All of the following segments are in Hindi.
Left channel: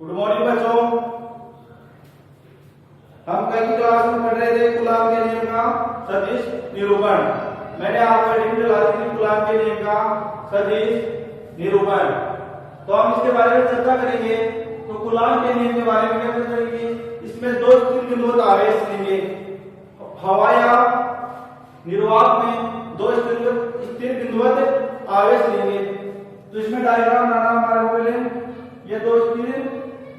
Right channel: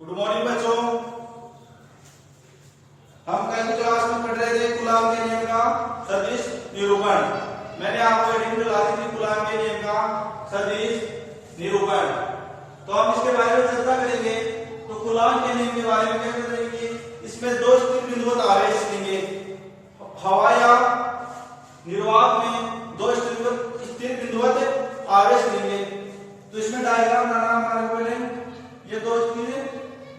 गुड मॉर्निंग बच्चों। हम कल की क्लास में पढ़ रहे थे कूलाम के नियम का सदिश निरूपण। मैंने आपको हेडिंग में ला दी थी कूलाम के नियम का सदिश निरूपण। तो हम इसके बारे में चर्चा करेंगे। तो कूलाम के नियम के बारे में क्या करेंगे, इसमें दो स्थिर बिंदुवत आवेश लेंगे। हवा या निर्वात में दो स्थिर बिंदुवत आवेश लेंगे। तो इसमें डायग्राम बनाना हमारे पहले, ये दो स्थिर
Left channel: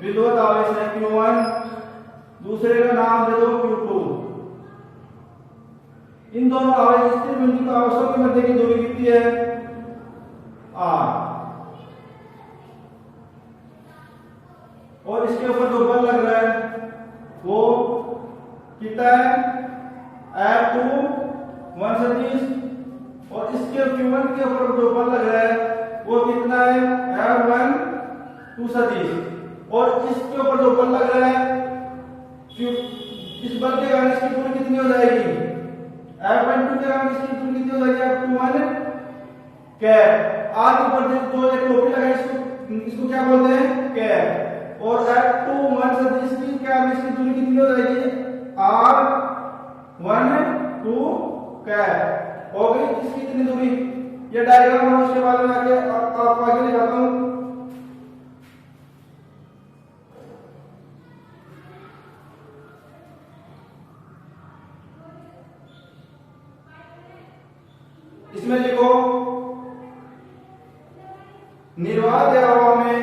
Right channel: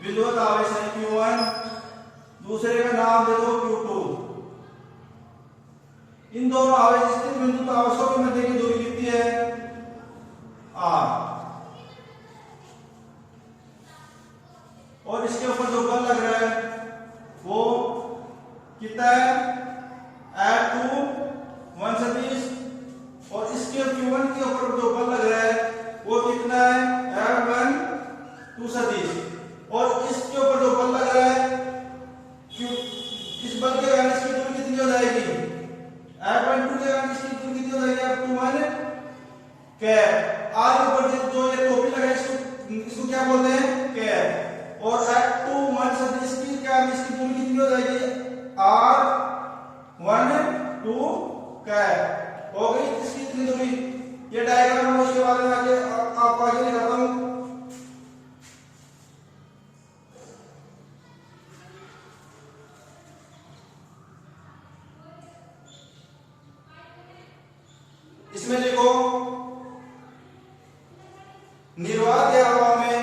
बिंदुवत आवेश है Q1, दूसरे का नाम दे दो Q2। इन दोनों आवेश स्थिर बिंदु आवेशों के मध्य की दूरी कितनी है, R। और इसके ऊपर जो बल लग रहा है वो कितना है, F2 1 सदिश। और इसके Q1 के ऊपर जो बल लग रहा है वो कितना है, F1 2 सदिश। और इसके ऊपर जो बल लग रहा है, इस बल के कारण इसकी दूरी कितनी हो जाएगी, F12 के कारण इसकी दूरी कितनी हो जाएगी, F21 कैप। R के ऊपर जो ये टोपी लगा है इसको क्या बोलते हैं, कैप। और F21 सदिश की क्या इसकी दूरी कितनी हो जाएगी, R12 कैप। हो गई इसकी कितनी दूरी। ये डायग्राम है, उसके बारे में आगे आपको आगे दिखाता हूं। इसमें लिखो निर्वात या हवा में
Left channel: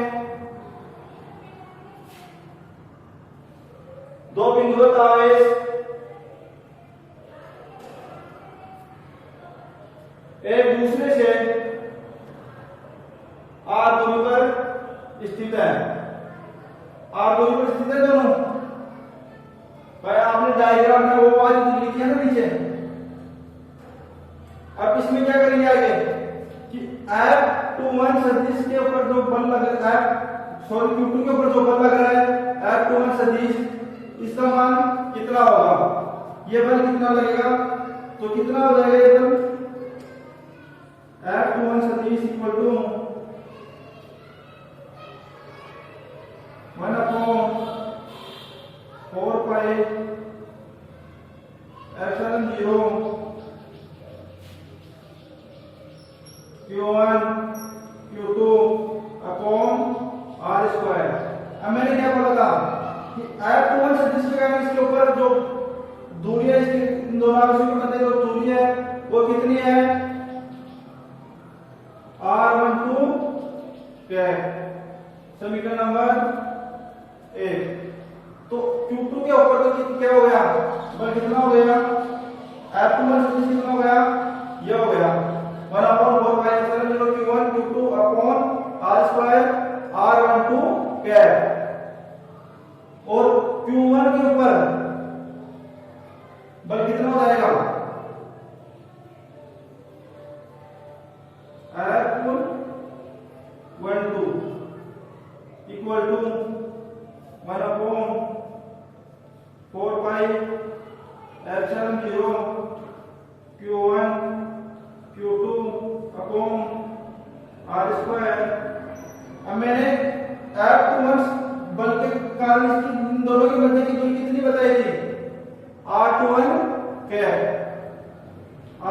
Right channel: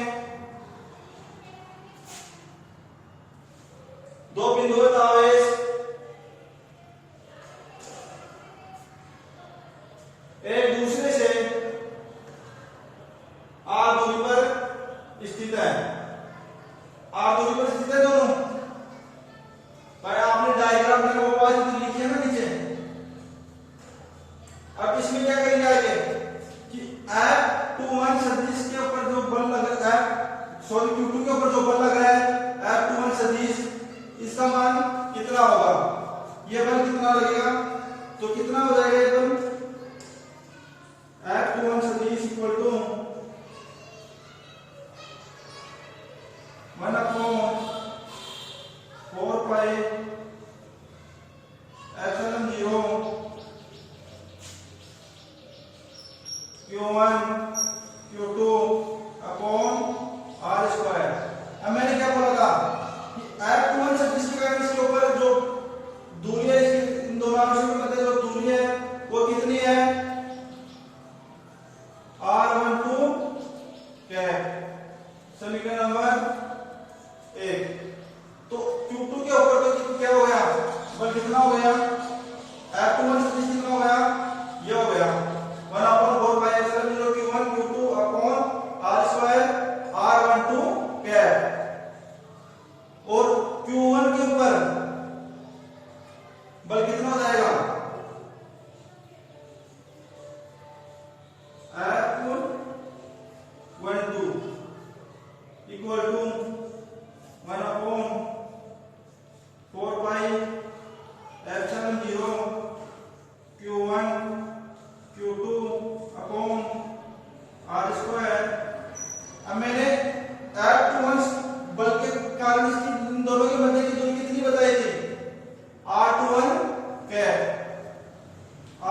दो बिंदुवत आवेश एक दूसरे से R दूरी पर स्थित है। R दूरी पर स्थित है दोनों। भाई आपने डायग्राम में वो बात लिखी है ना नीचे। अब इसमें क्या करेंगे आगे कि F21 सदिश के ऊपर जो बल लग रहा है, सॉरी Q2 के ऊपर जो बल लग रहा है F21 सदिश, इसका मान कितना होगा, ये बल कितना लगेगा, तो कितना हो जाएगा ये बल, F21 सदिश equal to 1/4 pi epsilon 0 Q1 Q2 upon R square. अब मैंने क्या बोला था कि F21 सदिश के कारण इसके ऊपर जो दूरी है, इसकी इन दोनों आवेशों के मध्य जो दूरी है वो कितनी है, R12 कैप। समीकरण नंबर 1। तो Q2 के ऊपर तो क्या हो गया, बल कितना हो गया, F21 सदिश कितना हो गया, ये हो गया 1/4 pi epsilon 0 Q1 Q2 upon R square R12 cap. और Q1 के ऊपर बल कितना हो जाएगा, F12 equal to 1/4 pi epsilon 0 Q1 Q2 upon R square. अब मैंने F21 बल के कारण इसकी इन दोनों के मध्य की दूरी कितनी बताई थी, R21 कैप।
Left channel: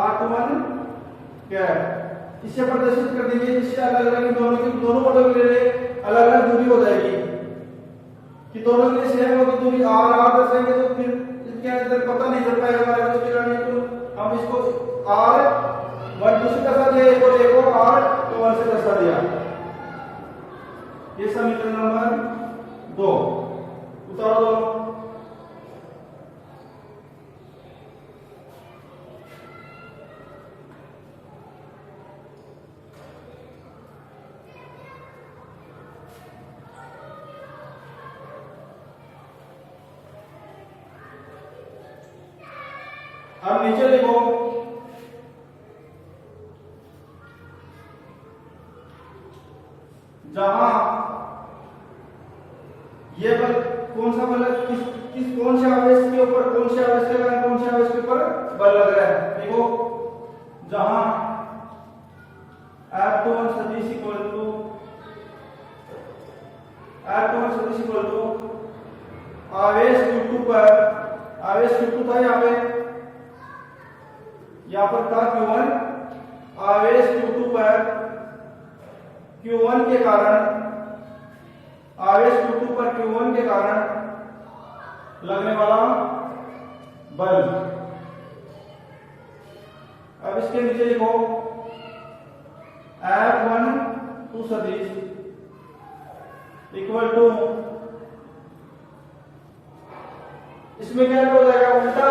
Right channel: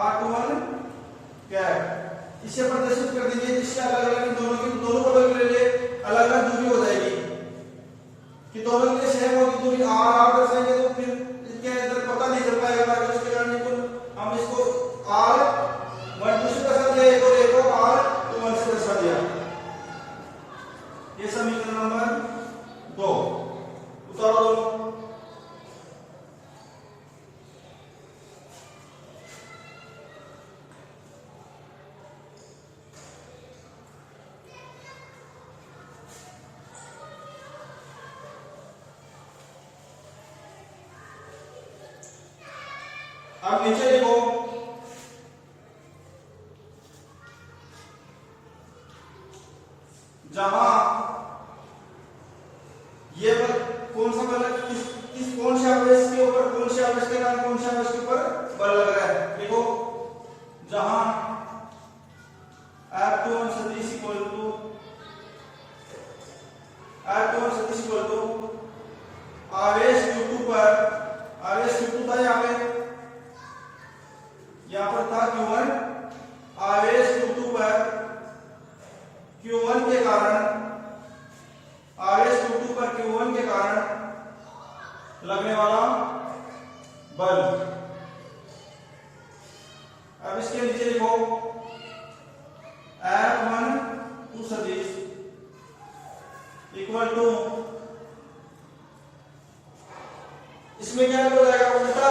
R21 कैप इसे प्रदर्शित कर दीजिए, जिससे अलग अलग इन दोनों की दोनों बलों के लिए अलग अलग दूरी हो जाएगी कि दोनों के लिए सेम होगी दूरी R दर्शाएंगे। तो फिर इसके अंदर पता नहीं चल पाएगा हमारे को, इसके कारण तो हम इसको R12 से दर्शा दिया, एक और एक को R21 से दर्शा दिया। ये समीकरण नंबर 2। उतारो दोनों। अब नीचे लिखो जहां ये बल कौन सा बल, किस कौन से आवेश के ऊपर, कौन से आवेश के कारण कौन से आवेश के ऊपर बल लग रहा है। देखो जहां F21 सदिश इक्वल टू F21 सदिश इक्वल टू आवेश Q2 पर, आवेश Q2 था यहाँ पर था Q1, आवेश Q2 पर Q1 के कारण, आवेश Q2 पर Q1 के कारण लगने वाला बल। अब इसके नीचे लिखो F12 सदिश इक्वल टू, इसमें क्या हो जाएगा उल्टा,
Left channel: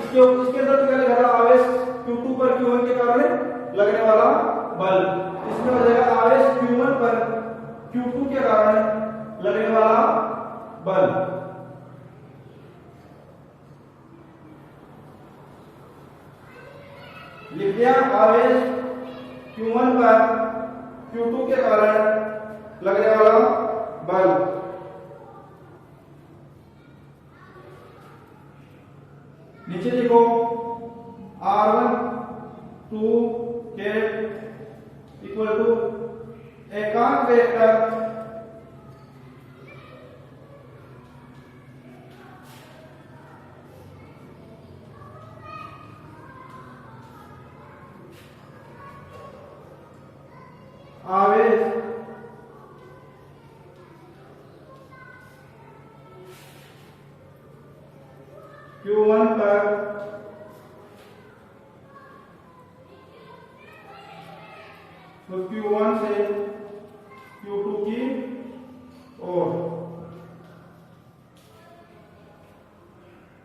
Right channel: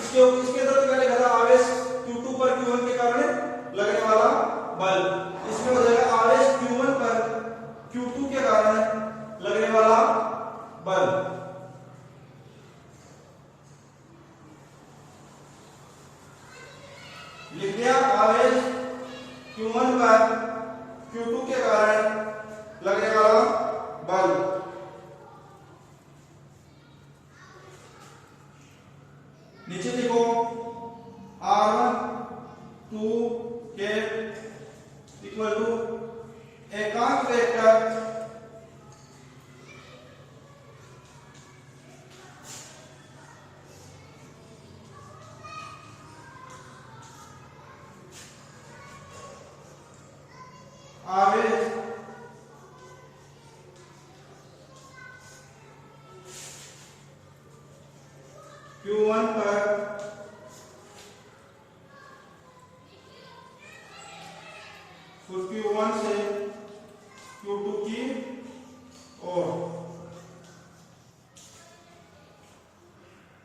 इसके अंदर तो क्या लिखा था आवेश Q2 पर Q1 के कारण लगने वाला बल, इसमें हो जाएगा आवेश Q1 पर Q2 के कारण लगने वाला बल। लिख दिया आवेश Q1 पर Q2 के कारण लगने वाला बल। नीचे लिखो R12 के इक्वल टू एकांक वेक्टर आवेश Q1 पर Q1 से Q2 की ओर,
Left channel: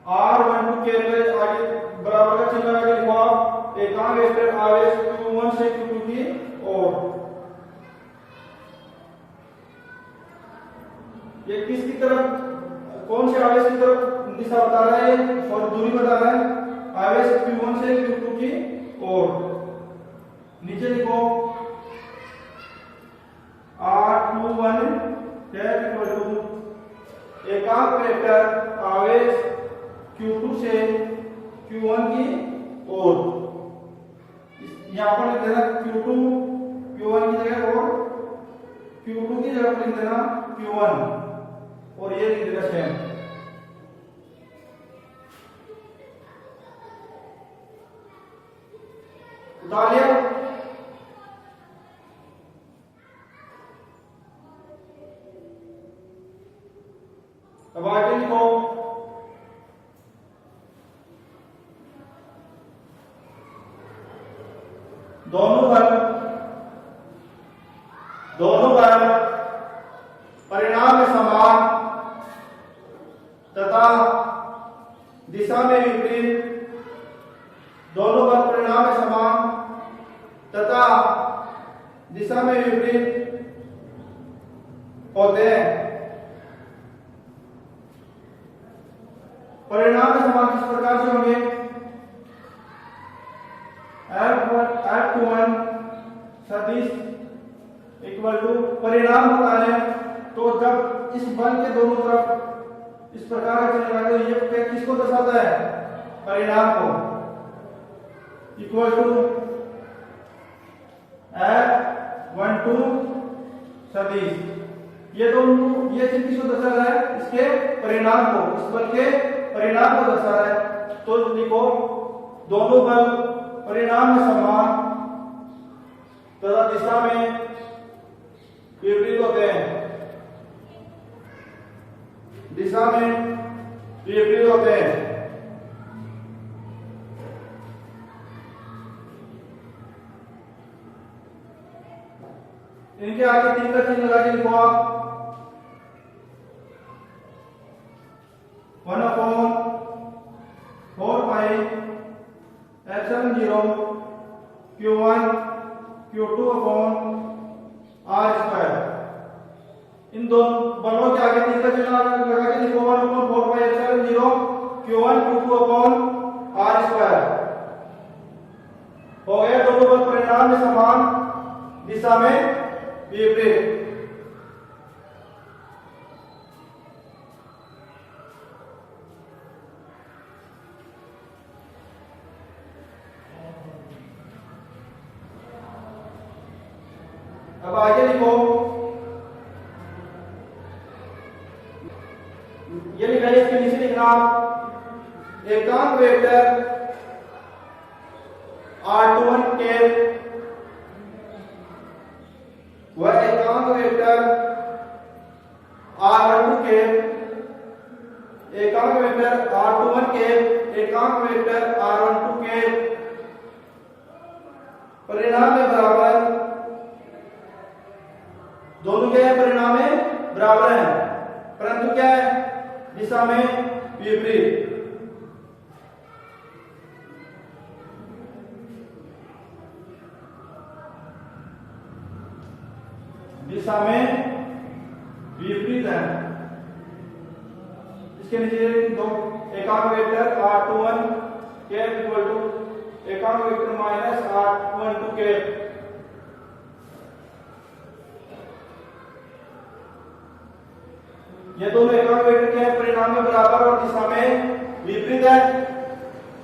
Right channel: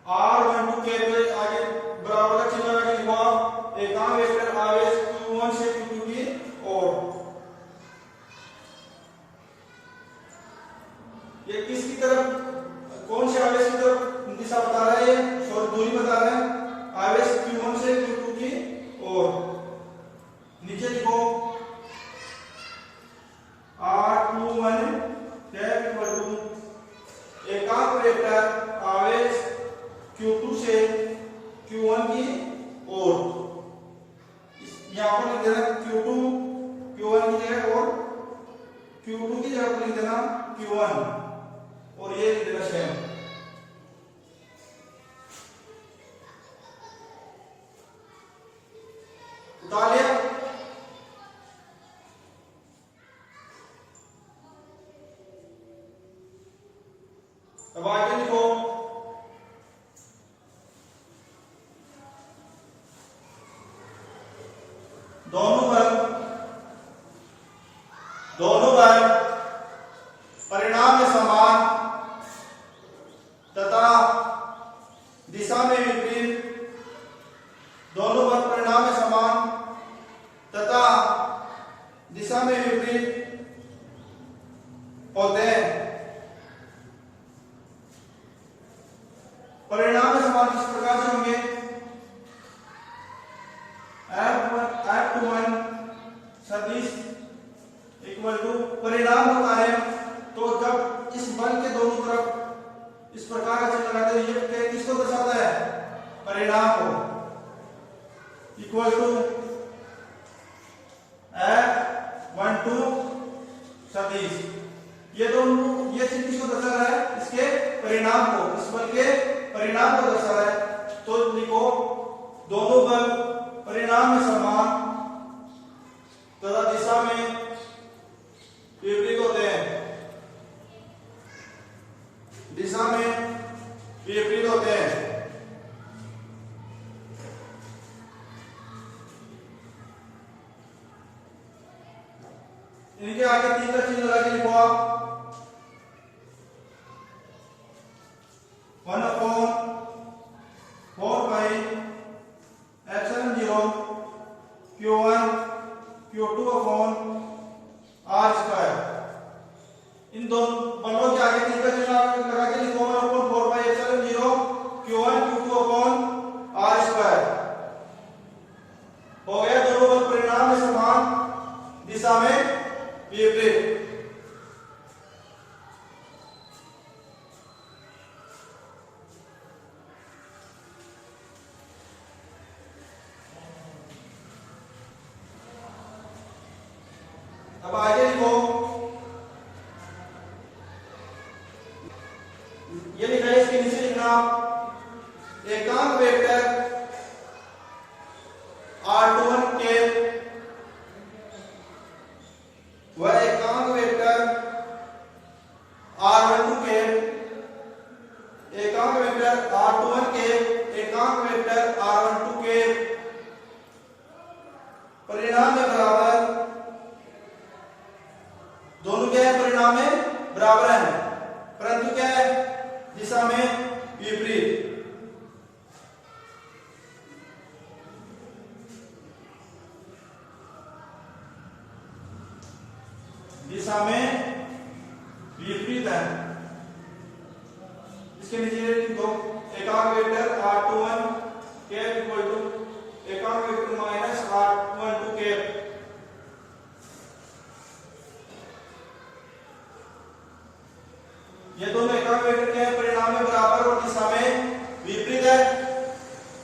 R12 के पे आगे बराबर का चिन्ह आगे लिखा एकांक वेक्टर आवेश Q1 से Q2 की ओर। ये किसकी तरफ, कौन से आवेश की तरफ दिशा बता रहा है, और दूरी बता रहा है, आवेश Q1 से Q2 की ओर। नीचे लिखो R21 इक्वल टू एकांक वेक्टर आवेश Q2 से Q1 की ओर। यहां पर लिख देना Q1 की जगह और Q2 की जगह पर लिख देना Q1 और ये लिख देना सेम। उठा लिया। अब आगे लिखो दोनों बल परिणाम में समान तथा दिशा में विपरीत, दोनों बल परिणाम में समान तथा दिशा में विपरीत होते हैं। परिणाम में समान किस प्रकार से होंगे, F21 सदिश इक्वल टू परिणाम होता है तो जब इस बल के दोनों तरफ इस प्रकार का चिन्ह लगाते हैं, ये किसको दर्शाता है, परिणाम को, इक्वल टू F12 सदिश। ये चिन्ह किसको दर्शा रहा है, इसके परिणाम को, इस बल के परिणाम को दर्शा रहा है। तो लिखो दोनों बल परिणाम में समान तथा दिशा में विपरीत होते हैं, दिशा में विपरीत होते हैं। इनके आगे तीन का चिन्ह लगा के लिखो आप 1/4 epsilon 0 Q1 Q2/r²। इन दोनों बलों के आगे तीन का चिन्ह लगा के लिखो 1/4 epsilon 0 Q1 Q2/r²। हो गया दोनों बल परिणाम में समान दिशा में विपरीत। अब आगे लिखो ये लिखा है, इसके नीचे लिखना एकांक वेक्टर r21 कैप व एकांक वेक्टर r12 कैप, एकांक वेक्टर r21 कैप, एकांक वेक्टर r12 कैप परिणाम में बराबर, दोनों क्या है, परिणाम में बराबर है परंतु क्या है, दिशा में विपरीत। दिशा में विपरीत है। इसके नीचे दो एकांक vector r21 cap equal to एकांक वेक्टर माइनस r12 कैप। ये दोनों एकांक वेक्टर क्या है, परिणाम में बराबर और दिशा में विपरीत है।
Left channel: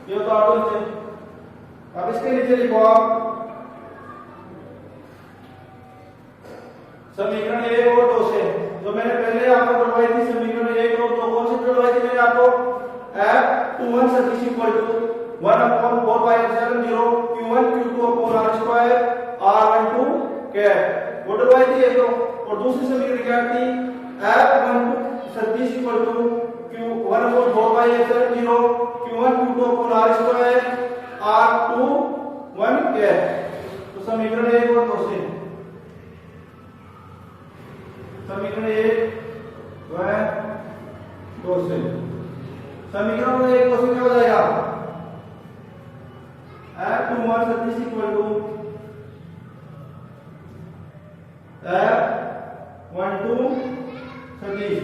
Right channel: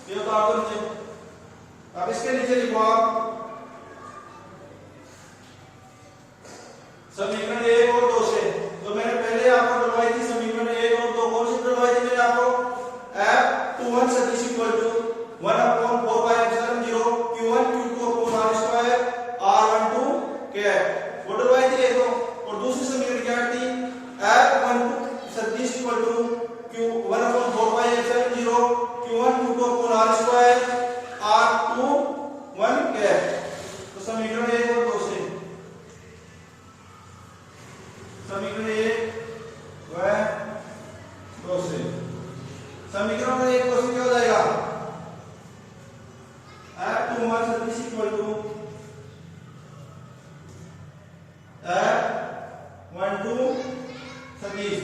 ये उतार दो नीचे। अब इसके नीचे लिखो आप समीकरण 1 और 2 से, जो मैंने पहले आपको डलवाई थी समीकरण 1 और 2, कौन सी डलवाई थी मैंने आपको, f21 सदिश equal to 1/4π0 q1 q2 upon r square r12 cap, वो डलवाई थी ये तो। और दूसरी समीकरण क्या थी, f12 सदिश equal to q1/4π0 q1 q2 upon r square r21 cap. तो समीकरण 1 और 2 से, समीकरण 1 व 2 से, समीकरण 1 2 से क्या हो जाएगा, f21 सदिश इक्वल टू f12 सदिश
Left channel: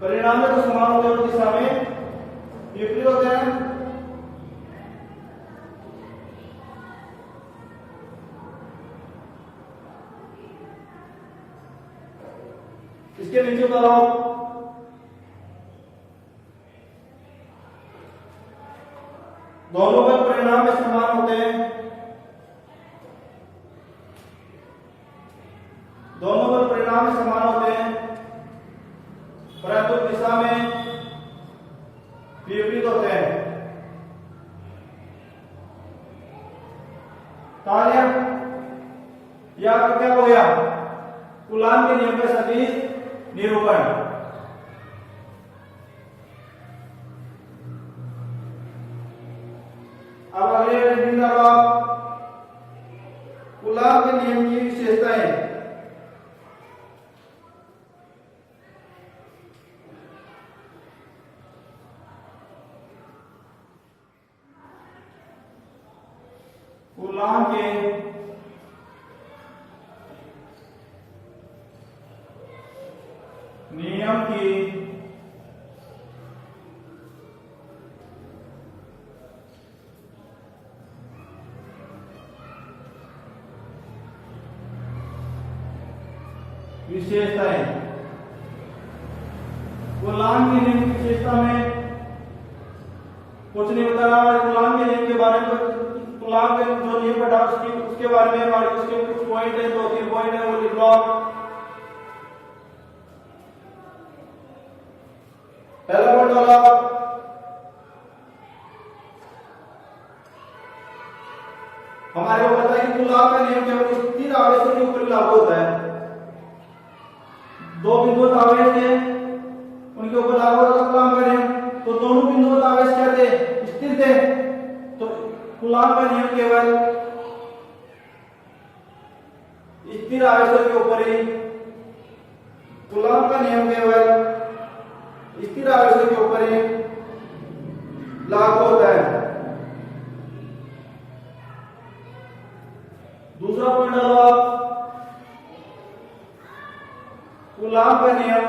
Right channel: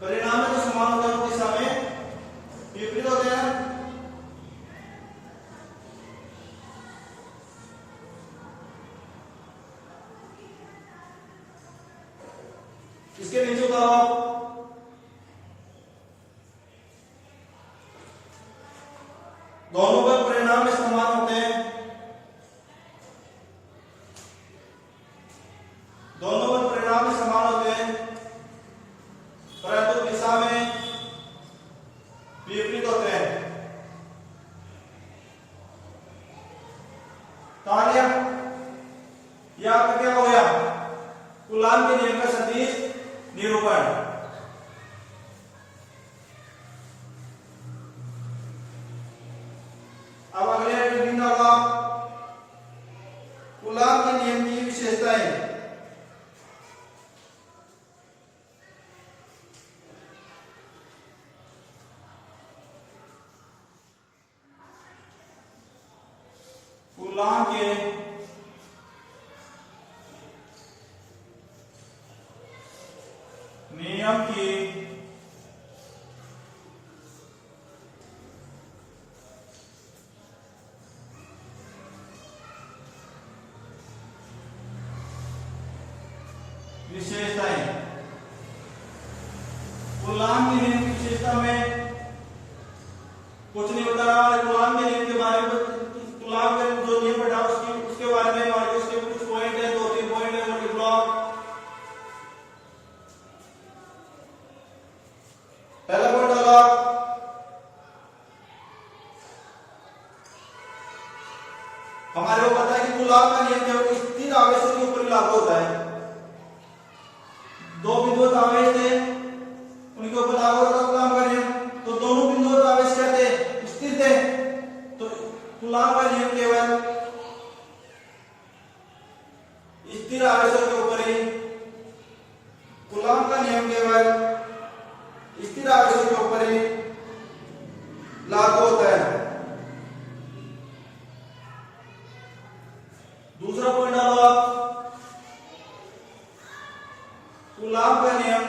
परिणाम में तो समान होते हैं और दिशा में विपरीत होते हैं। इसके नीचे उतारो दोनों का परिणाम में समान होते हैं, दोनों का परिणाम में समान होते हैं परंतु दिशा में विपरीत होते हैं। तालिया या क्या हो गया, कूलाम के नियम का सदिश निरूपण। अब अगले रीडिंग डालो, कूलाम के नियम की विशेषताएं। कूलाम के नियम की विशेषताएं। कूलाम के नियम की विशेषता में कुछ नहीं बता रहा, कूलाम के नियम के बारे में, कूलाम के जो नियम पढ़ा उसके बारे में हमारे उसके कुछ पॉइंट है, 2-3 पॉइंट है, वो लिख लो। पहला पॉइंट होगा हमारे को पता है कि कूलाम का नियम केवल स्थिर आवेशों के ऊपर लागू होता है। दो विद्युत आवेश थे, उनके ऊपर लागू होता कूलाम का नियम, तो दोनों विद्युत आवेश क्या थे, स्थिर थे। तो कूलाम का नियम केवल स्थिर आवेशों के ऊपर ही, कूलाम का नियम केवल स्थिर आवेशों के ऊपर ही लागू होता है। दूसरा पॉइंट डालो आप, कूलाम का नियम,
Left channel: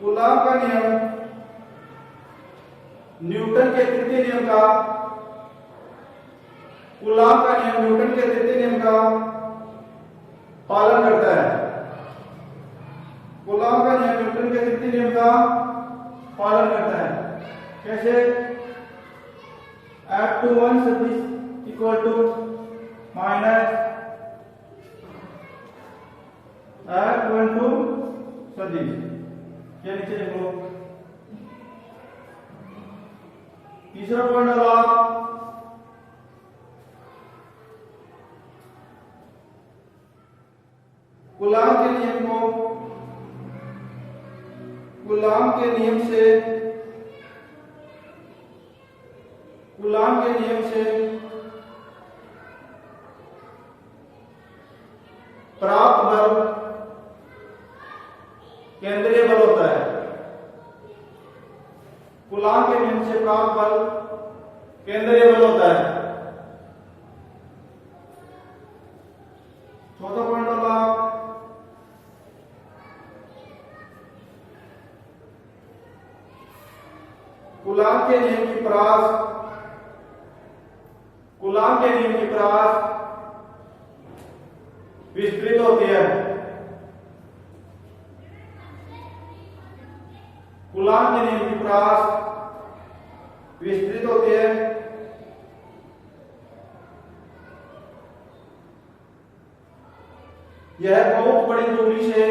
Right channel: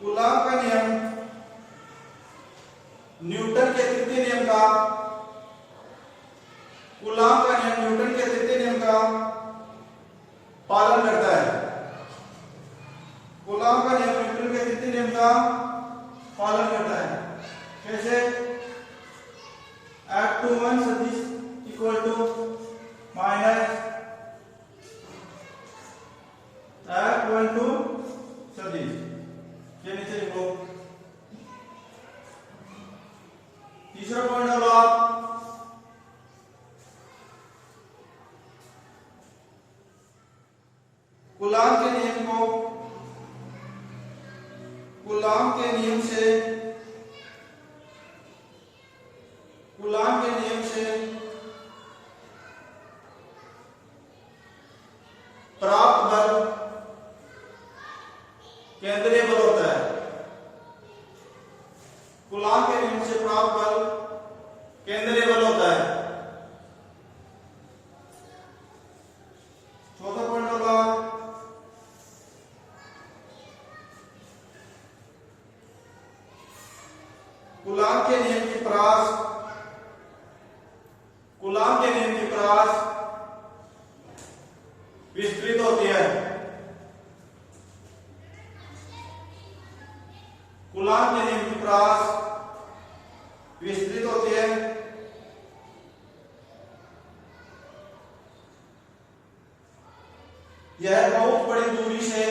कूलाम का नियम न्यूटन के तृतीय नियम का, कूलाम का नियम न्यूटन के तृतीय नियम का पालन करता है। कूलाम का नियम न्यूटन के तृतीय नियम का पालन करता है। कैसे, F21 सदिश इक्वल टू माइनस ये नीचे लिख लो। तीसरा पॉइंट डालो आप, कूलाम के नियम को, कूलाम के नियम से, कूलाम के नियम से प्राप्त बल केंद्रीय बल होता है। कूलाम के नियम से प्राप्त बल केंद्रीय बल होता है। चौथा पॉइंट होगा, कूलाम के नियम की परास, कूलाम के नियम की परास विस्तृत होती है। कूलाम के नियम की परास विस्तृत होती है। यह बहुत बड़ी दूरी से,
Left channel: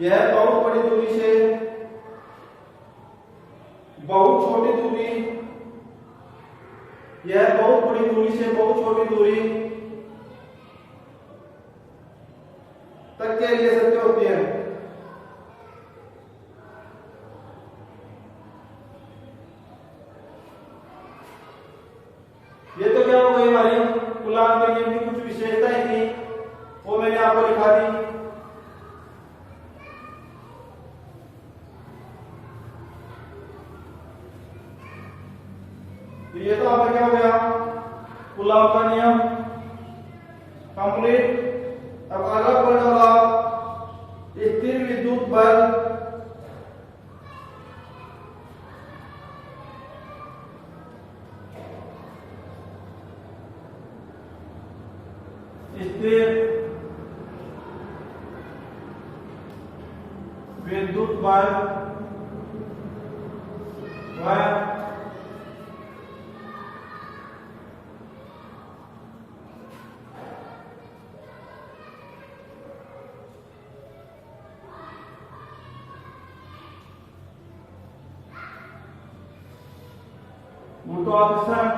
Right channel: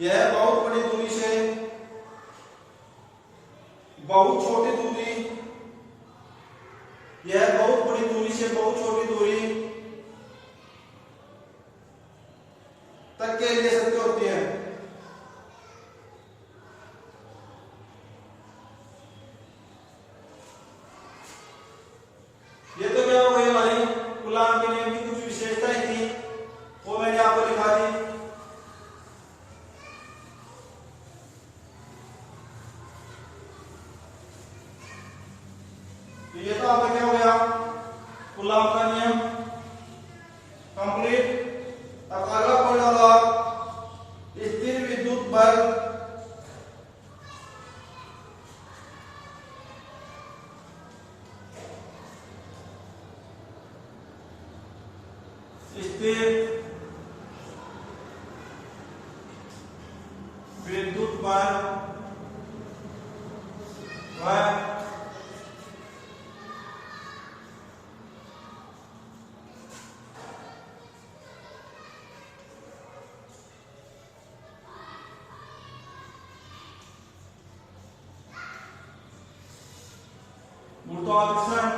यह बहुत बड़ी दूरी से बहुत छोटी दूरी, यह बहुत बड़ी दूरी से बहुत छोटी दूरी तक के लिए सत्य होती है। ये तो क्या हो गई हमारी कूलाम के नियम की कुछ विशेषताएं थी, वो मैंने आपको लिखा दी। तो ये तो आपका क्या हो गया, कूलाम का नियम कंप्लीट। अब अगला पॉइंट होगा स्थिर विद्युत बल, स्थिर विद्युत बल व गुरुत्वाकर्षण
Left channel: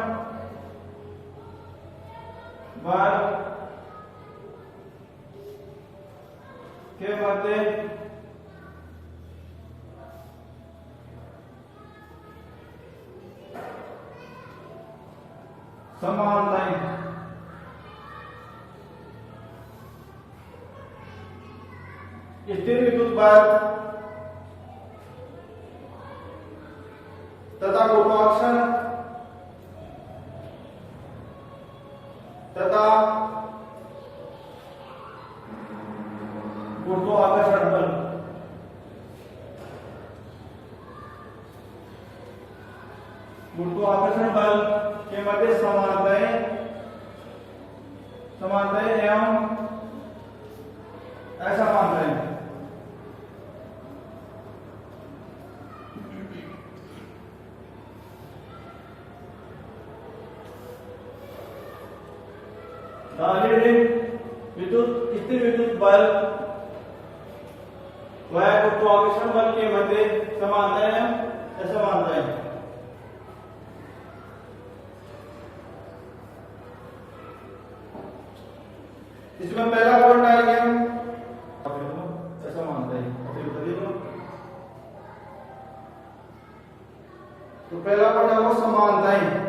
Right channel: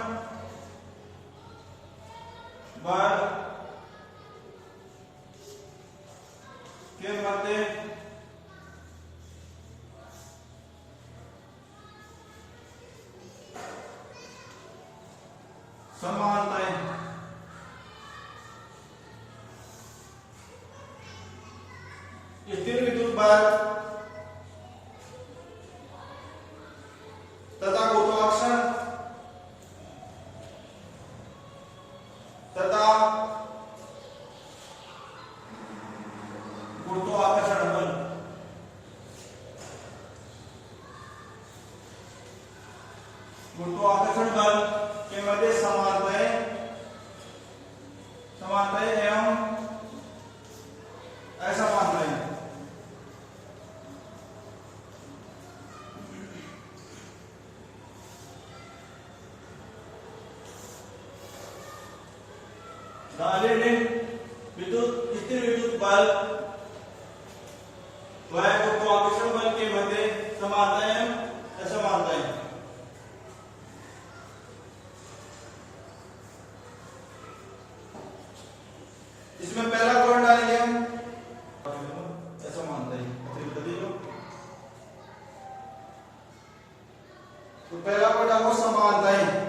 बल के मध्य समानताएं, स्थिर विद्युत बल तथा गुरुत्वाकर्षण तथा गुरुत्वाकर्षण बल, गुरुत्वाकर्षण बल के मध्य समानताएं, समानताएं एवं असमानताएं। विद्युत स्थिर विद्युत बल व गुरुत्वाकर्षण बल के मध्य समानताएं असमानताएं। इसमें पहला पॉइंट डालिए हम असमानताएं। तो पहला पॉइंट है वो समानताएं।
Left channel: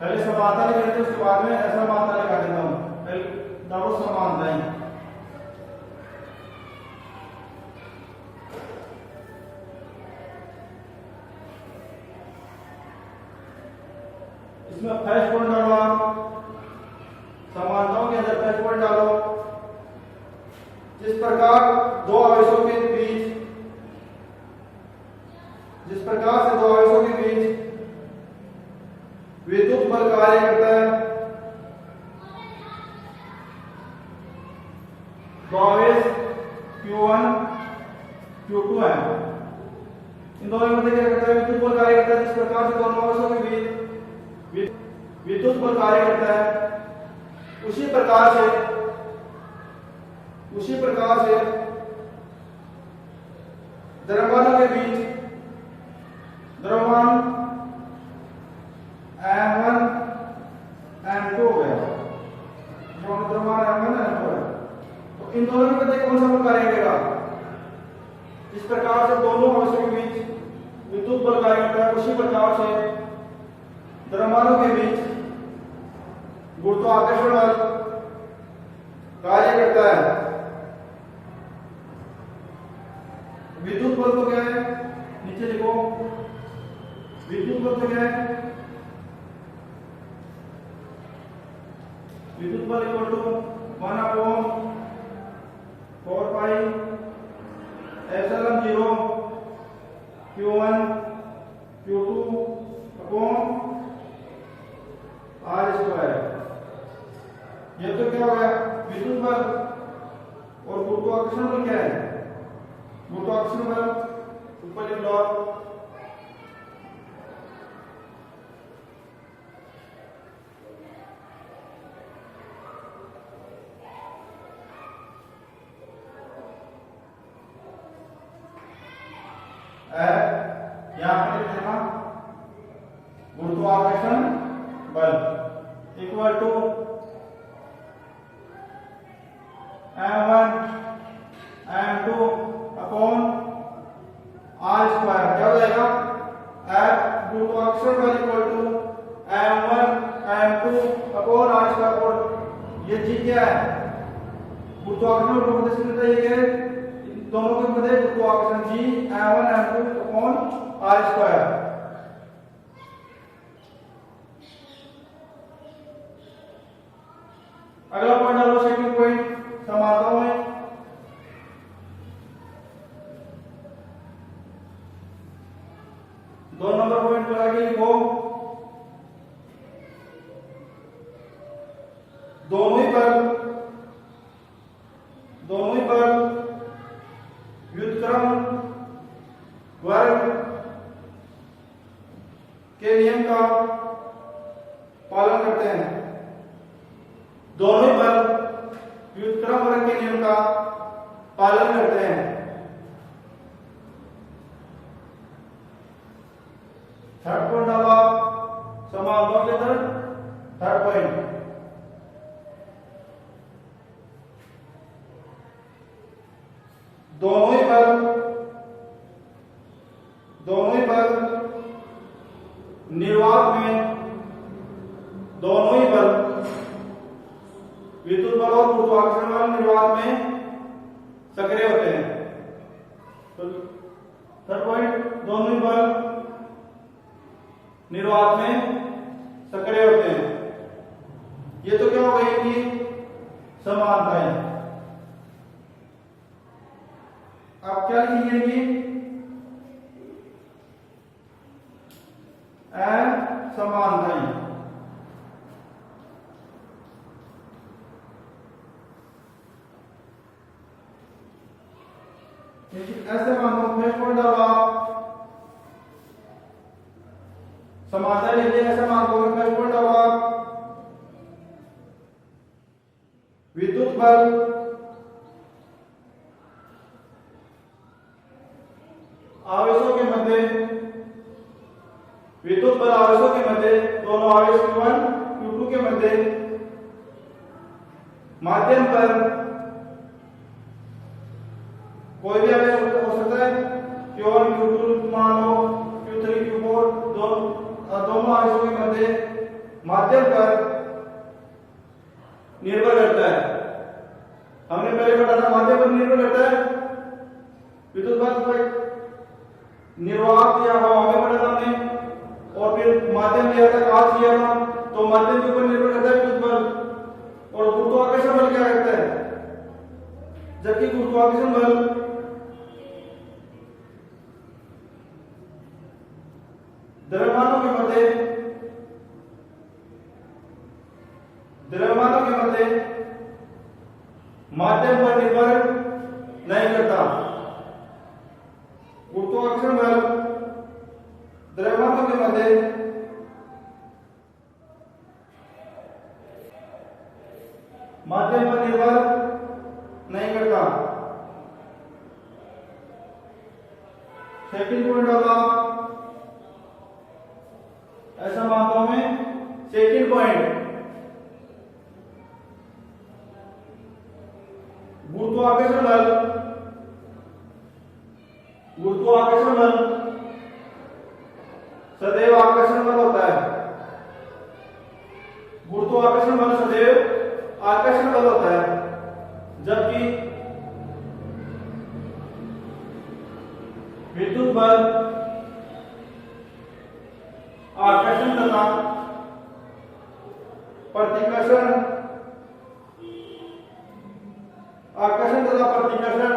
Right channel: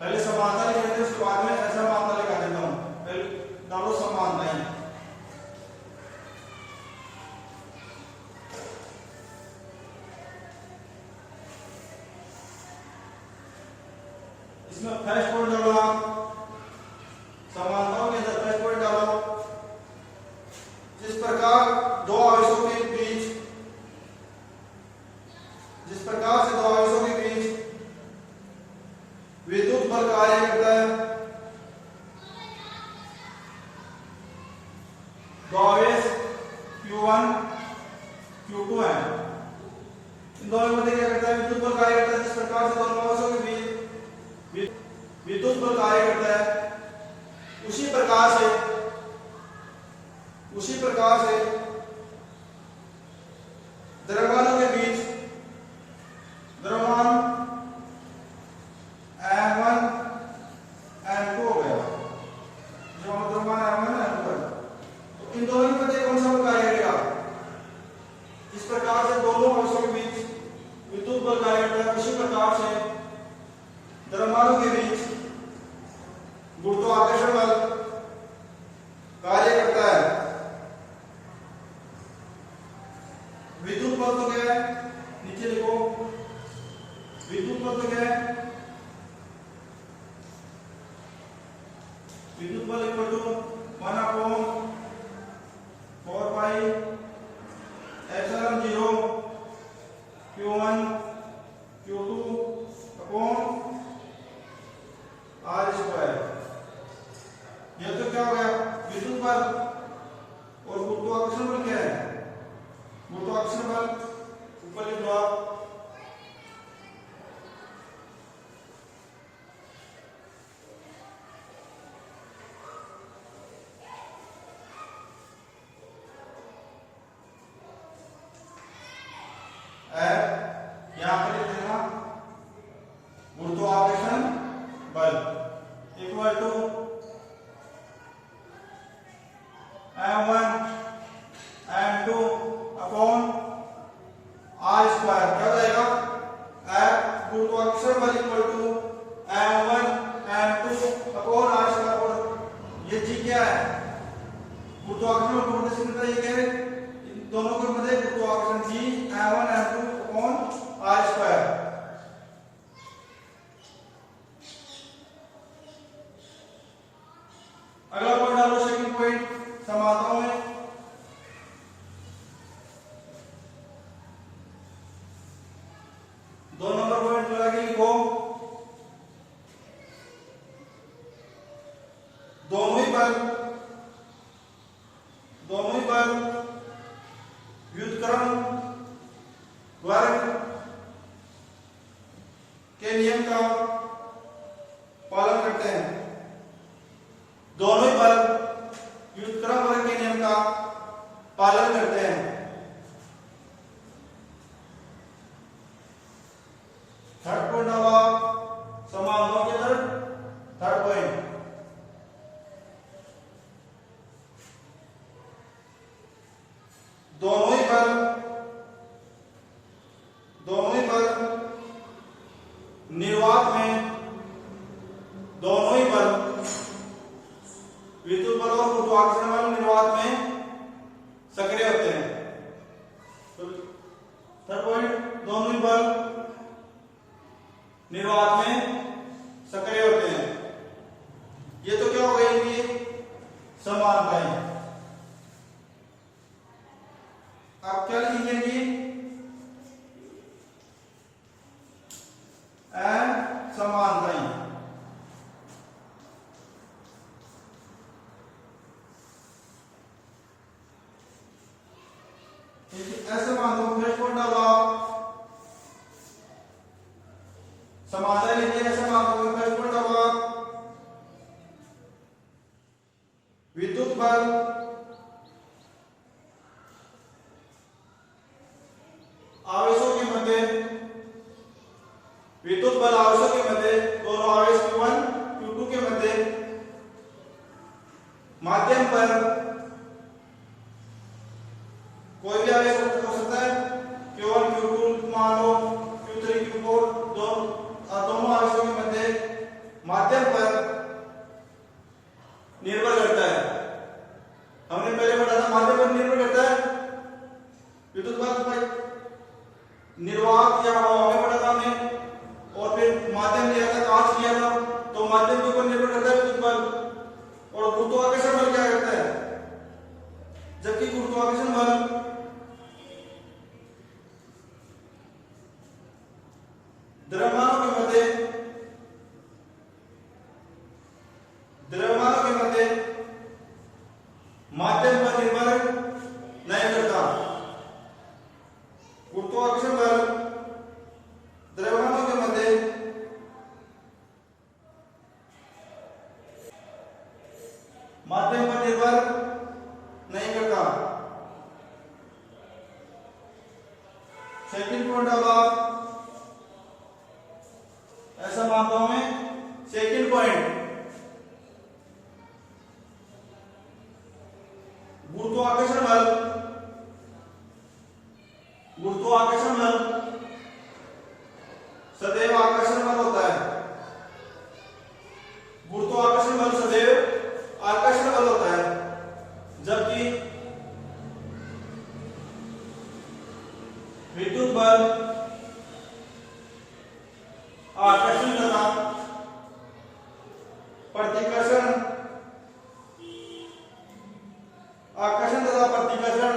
पहले समानता लिख लेते हैं, उसके बाद में असमानता लगा देता हूं। पहले डालो समानताएं। इसमें फर्स्ट पॉइंट डालो आप, समानताओं के अंदर फर्स्ट पॉइंट डालो, जिस प्रकार दो आवेशों के बीच, जिस प्रकार से दो आवेशों के बीच विद्युत बल कार्य करता है, दो आवेश Q1 Q2 है, इन दोनों में क्या करता है, विद्युत बल कार्य करता है। जिस प्रकार से दोनों आवेशों के बीच विद्युत बल कार्य करता है, उसी प्रकार से द्रव्यमानों के बीच द्रव्यमान m1 m2 हो गया। द्रव्यमान m1 m2, तो इन दोनों के मध्य कौन सा बल कार्य करेगा? इस प्रकार से दोनों अवस्थाओं के बीच विद्युत बल कार्य करता है, उसी प्रकार से द्रव्यमानों के बीच गुरुत्वाकर्षण बल कार्य करता है। विद्युत बल तो क्या है, नीचे लिखो, विद्युत बल तो क्या है, विद्युत बल equal to 1/4 pi epsilon 0 Q1 Q2 upon R square. ये तो क्या हो गया विद्युत बल, और गुरुत्वाकर्षण बल क्या है? गुरुत्वाकर्षण बल ऊपर लिख लो आप, यहां पे लिख देना गुरुत्वाकर्षण बल equal to m1 m2 upon r square. क्या हो जाएगा? गुरुत्वाकर्षण बल equal to m1 m2 upon r square. ये जी क्या है? गुरुत्वाकर्षण बल को से मिलता है, ये क्या है? इन दोनों के मध्य गुरुत्वाकर्षण जी m1 m2 upon r square. अगला पॉइंट डालो, सेकंड पॉइंट समानताओं में। दो नंबर पॉइंट पर आगे लिखो, दोनों ही बल व्युत्क्रम वर्ग के नियम का पालन करते हैं। दोनों ही बल व्युत्क्रम वर्ग के नियम का पालन करते हैं। थर्ड पॉइंट डाला समानताओं के तरफ। थर्ड पॉइंट, दोनों ही बल निर्वात में, दोनों ही बल विद्युत बल और गुरुत्वाकर्षण बल निर्वात में सक्रिय होते हैं। तो थर्ड पॉइंट, दोनों ही बल निर्वात में सक्रिय होते हैं। ये तो क्या हो गई इनकी समानताएं। आप क्या लिखेंगे? समानताएं। ऐसे मानो फर्स्ट पॉइंट डालो, समानताएं लिखिए। ऐसे मानो फर्स्ट पॉइंट डालो, विद्युत बल आवेशों के मध्य, विद्युत बल आवेशों के मध्य, दोनों आवेश Q1 Q2 के मध्य माध्यम पर कोई भी आवेश हो सकता है। Q1 Q2 मान लो, Q3 Q4, दोनों आवेशों के मध्य माध्यम पर निर्भर करता है। हमने पहले पढ़ा था माध्यम पर निर्भर करता है विद्युत बल पर, निर्वात या हवा में पढ़ा था हमने, और फिर माध्यम लिया था, कांच लिया था, तो माध्यम के ऊपर निर्भर करता है विद्युत बल। और गुरुत्वाकर्षण बल क्या करता है? जबकि गुरुत्वाकर्षण बल द्रव्यमानों के मध्य माध्यम पर निर्भर नहीं करता। गुरुत्वाकर्षण बल द्रव्यमानों के मध्य पॉइंट होगा, ऐसा मानता हूं मैं। सेकंड पॉइंट, गुरुत्वाकर्षण बल, गुरुत्वाकर्षण बल सदैव आकर्षण बल होता है। गुरुत्वाकर्षण बल सदैव आकर्षण बल होता है, जबकि विद्युत बल आकर्षण तथा प्रतिकर्षण, आकर्षण तथा प्रतिकर्षण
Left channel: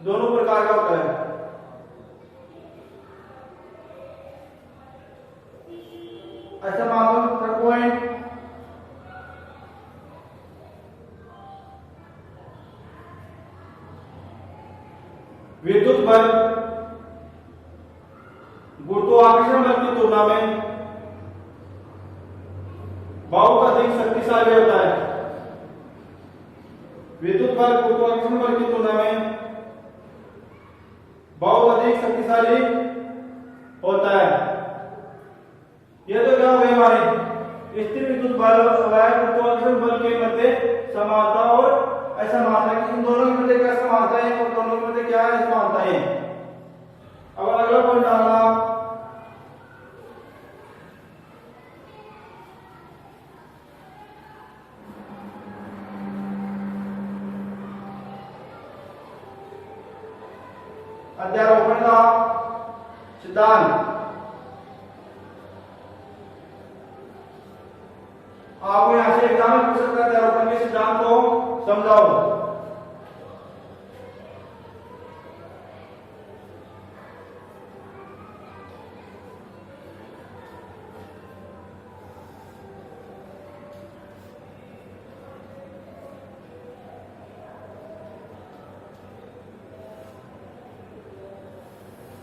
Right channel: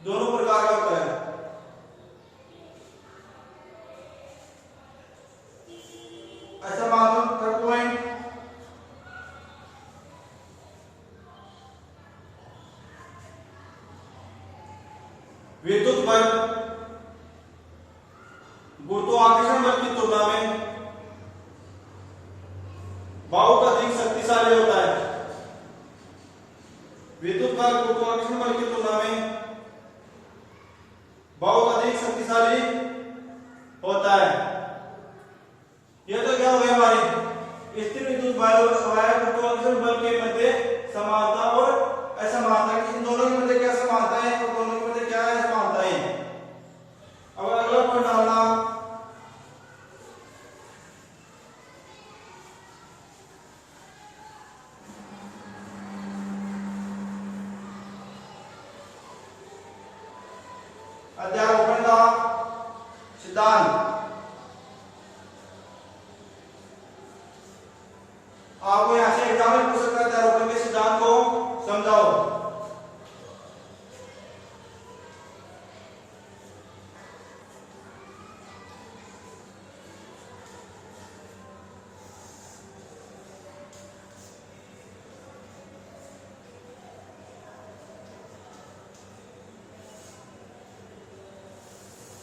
दोनों प्रकार का होता है। ऐसा मान लो थर्ड पॉइंट, विद्युत बल गुरुत्वाकर्षण बल की तुलना में बहुत अधिक शक्तिशाली होता है। विद्युत बल गुरुत्वाकर्षण बल की तुलना में बहुत अधिक शक्तिशाली होता है। यह तो क्या हो गई हमारी स्थिर विद्युत बल और गुरुत्वाकर्षण बल के मध्य समानता और असमानता, कि इन दोनों के मध्य क्या समानता है और दोनों के मध्य क्या असमानता है। अब अगला पॉइंट डालना, अध्यारोपण का सिद्धांत। आपको यहां से एग्जाम में पूछ सकता है, अध्यारोपण के सिद्धांत को समझाओ।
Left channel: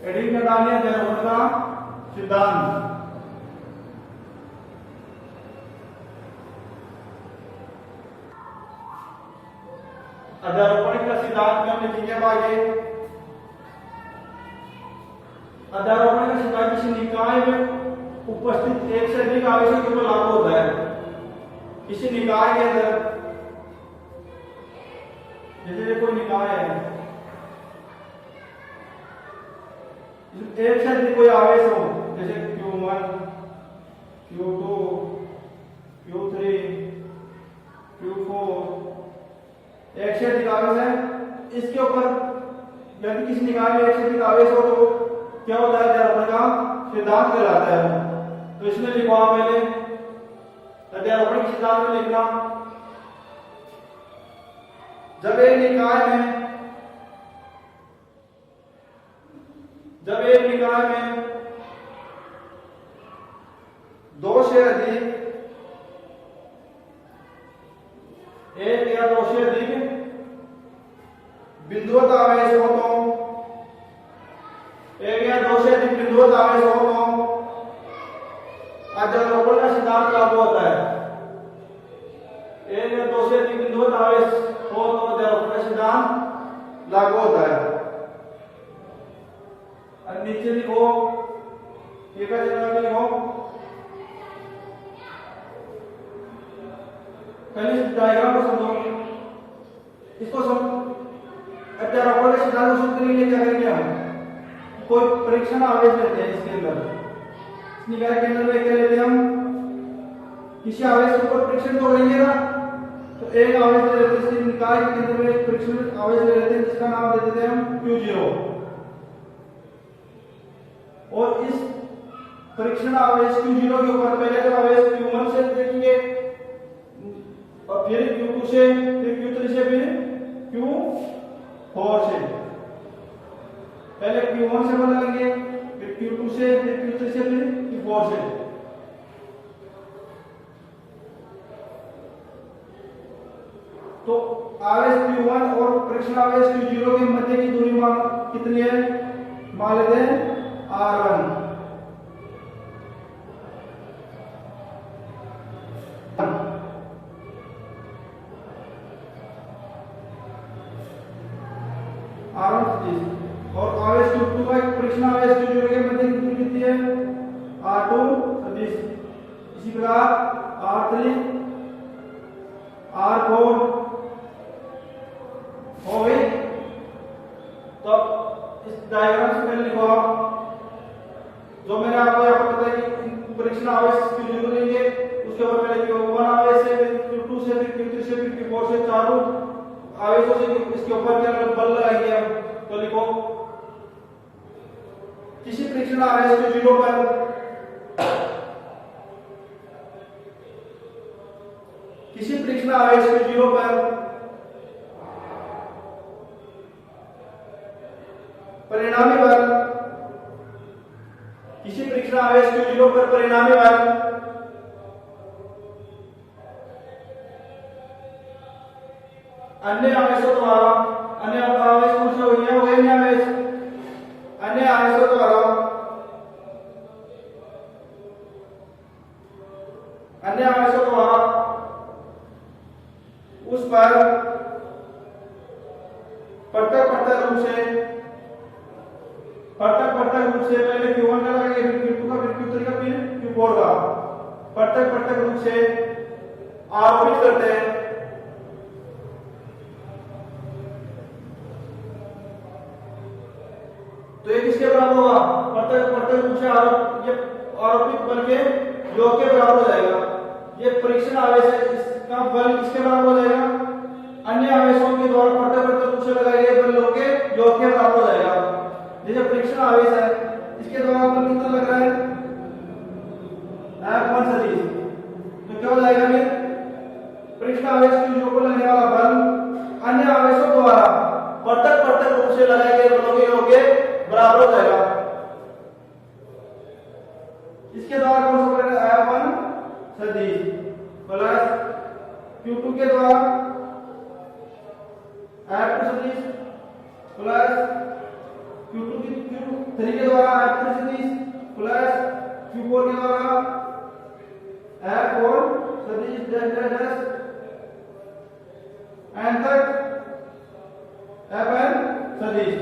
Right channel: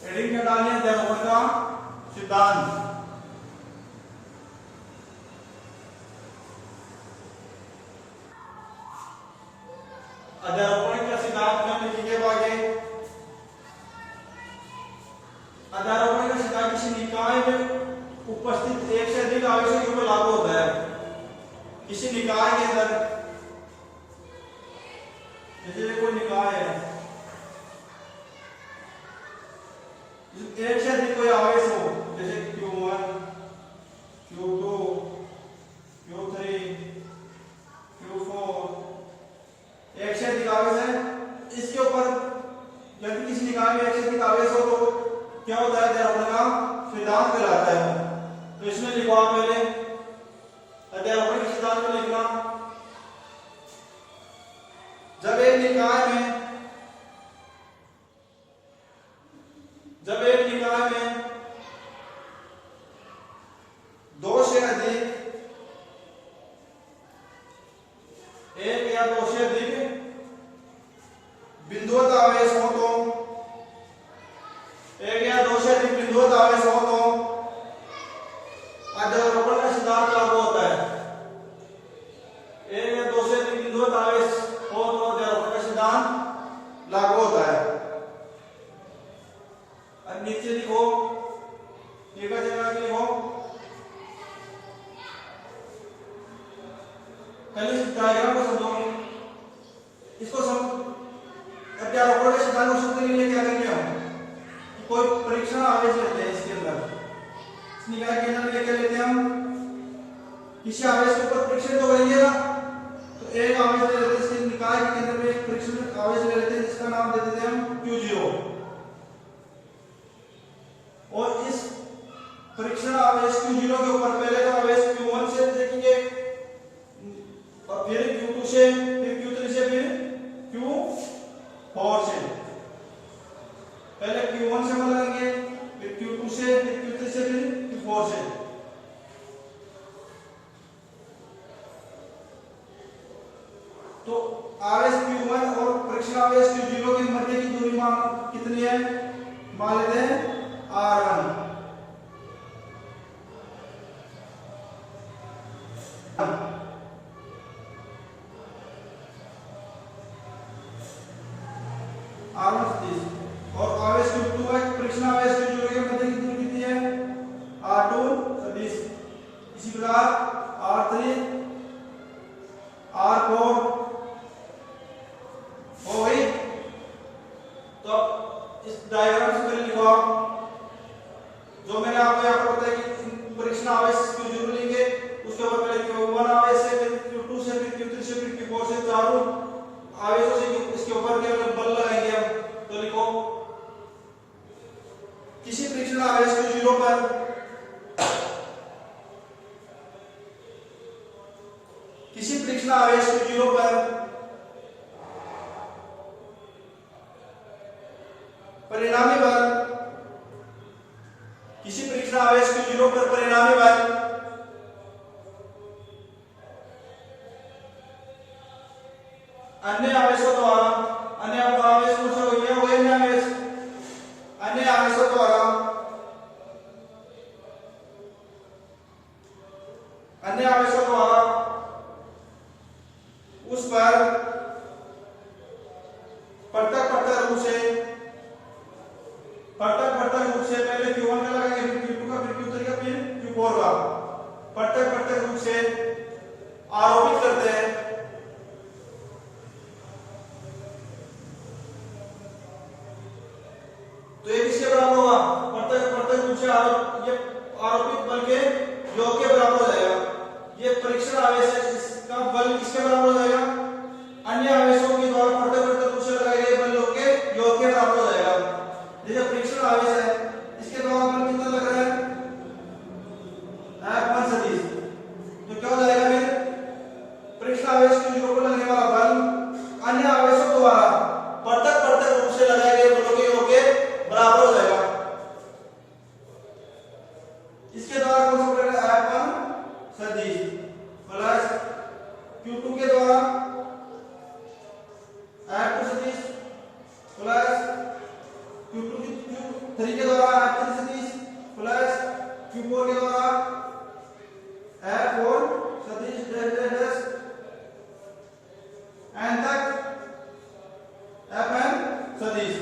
एडिंग में डालिए अध्यारोपण का सिद्धांत। अध्यारोपण का सिद्धांत में हमने चीजें बांटे। अध्यारोपण का सिद्धांत किसी निकाय में उपस्थित एक से अधिक आवेशों के ऊपर लागू होता है। किसी निकाय के अंदर, जैसे कोई निकाय है, एक से अधिक कोई आवेश हो, जैसे Q1, Q2, Q3, Q4, एक से अधिक आवेश है, इसके ऊपर यदि किसी निकाय में एक से अधिक आवेश हो तो क्या होता है, अध्यारोपण का सिद्धांत कहलाता है। तो इसमें लिखो आप पहले अध्यारोपण के सिद्धांत में लिखना, जब एक निकाय में दो से अधिक, एक या दो से अधिक बिंदुवत आवेश हो तो, एक या दो से अधिक बिंदुवत आवेश हो तो अध्यारोपण का सिद्धांत लागू होता है। एक या दो से अधिक बिंदुवत आवेश हो तो अध्यारोपण का सिद्धांत लागू होता है। अब नीचे लिखो, ये का जगह लिखो, पहले डायग्राम को समझो, इसको समझ। अध्यारोपण के सिद्धांत को समझने के लिए क्या करेंगे हम, कोई परीक्षण आवेश लेते हैं, इसके अंदर इस निकाय के अंदर क्या लेते हैं हम, किसी आवेश के ऊपर परीक्षण तो करेंगे ना, तो एक आवेश ले लेते हैं, इसके निकाय के केंद्र में एक परीक्षण आवेश ले लेते हैं जिसका नाम दे देते हैं हम Q0। और इस परीक्षण आवेश Q0 के ऊपर पहले तो आवेश Q1 से देखेंगे और फिर Q2 से, फिर Q3 से, फिर Q4 से। पहले Q1 से पता लगेंगे, फिर Q2 से, फिर Q3 से, फिर Q4 से। तो आवेश Q1 और परीक्षण आवेश Q0 के मध्य की दूरी कितनी है, मान लेते हैं R1। R1 और डायग्राम से पहले लिखो आप, जो मैंने आपको यहाँ पर बताया कि परीक्षण आवेश Q0 लेंगे, उसके ऊपर पहले Q1 आवेश है, फिर Q2 से, फिर Q3 से, फिर Q4 से, चारों आवेशों से इसके ऊपर क्या बल लगाएंगे हम। तो लिखो किसी परीक्षण आवेश Q0 पर परिणामी बल, किसी परीक्षण आवेश Q0 पर परिणामी बल अन्य आवेशों द्वारा, अन्य आवेश कौन से हो गया, वही आवेश, अन्य आवेशों द्वारा, अन्य आवेशों द्वारा उस पर पृथक रूप से पहले Q1 का लगाएंगे, फिर Q2 का, फिर Q3 का, फिर Q4 का, पृथक रूप से आरोपित करते हैं। तो ये किसके बराबर होगा, पृथक रूप से आरोपित बल के योग के बराबर हो जाएगा। ये परीक्षण आवेश है, इसका बल किसके बराबर हो जाएगा, अन्य आवेशों के द्वारा पृथक रूप से लगाए गए बल के योग के बराबर हो जाएगा। जैसे परीक्षण आवेश है, इसके द्वारा बल कितना लग रहा है, F1 सदिश, तो क्या हो जाएगा फिर, परीक्षण आवेश Q0 को लगने वाला बल अन्य आवेशों द्वारा पृथक रूप से लगाए गए बलों के योग के बराबर हो जाएगा। इसके द्वारा कौन सा बनेगा, F1 सदिश प्लस Q2 के द्वारा F2 सदिश प्लस Q3 के द्वारा F3 सदिश प्लस Q4 के द्वारा F4 सदिश डैश एन तक Fn सदिश।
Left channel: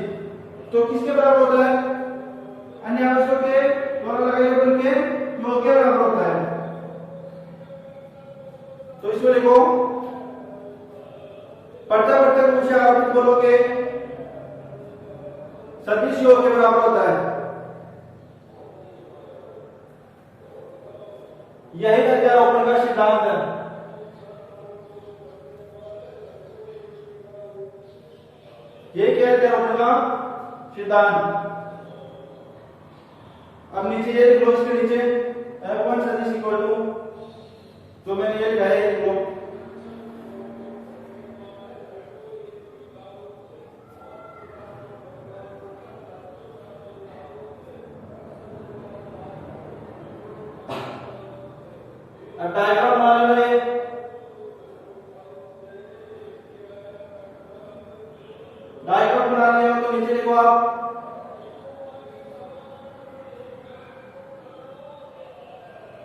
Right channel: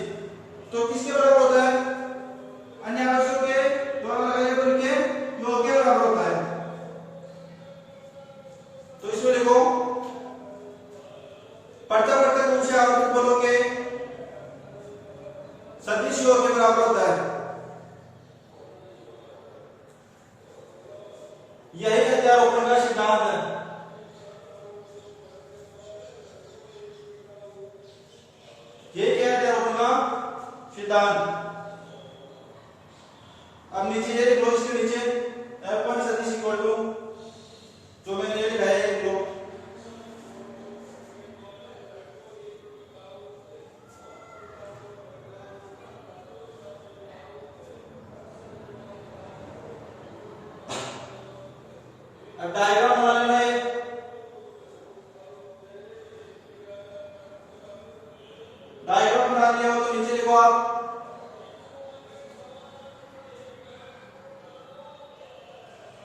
तो किसके बराबर होता है, अन्य आवेशों के द्वारा लगाए गए बल के योग के बराबर होता है। तो इसको लिखो पृथक रूप से आरोपित बलों के सदिश योग के बराबर होता है। यही अध्यारोपण का सिद्धांत है। ये क्या है अध्यारोपण का सिद्धांत। अब नीचे ये लिख लो, इसके नीचे F1 सदिश इक्वल टू जो मैंने ये लिखा है, ये लिख लो अब डायग्राम बना लेना है। डायग्राम बना लिया हो तो नीचे लिखो आप,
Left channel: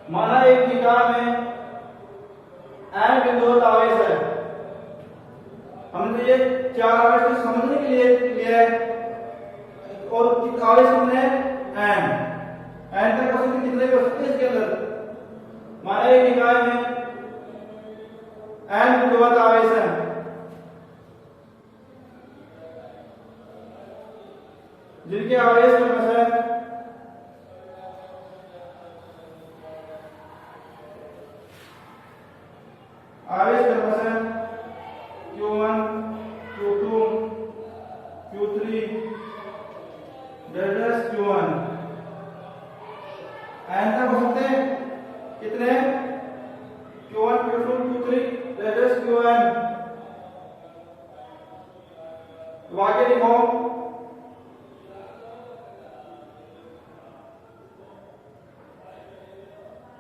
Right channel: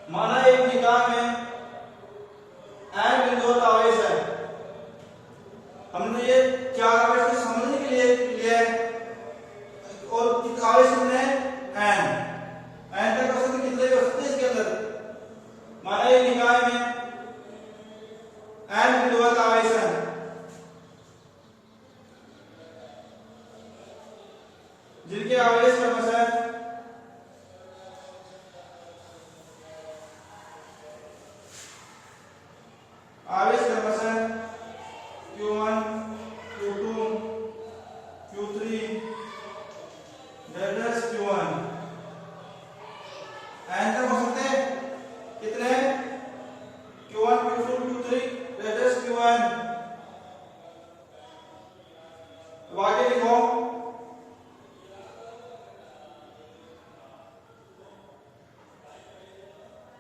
माना एक निकाय में n बिंदुवत आवेश है। हमने ये चार आवेश को समझने के लिए लिया है, और आवेश कितने n तक हो सकते, कितने हो सकते इसके अंदर। माना एक निकाय में n बिंदुवत आवेश है, जिनके आवेश क्रमशः Q1 Q2 Q3 delta Q1 n तक हो सकते हैं। कितने, Q1 Q2 Q3 delta Q1। वाक्य लिखो,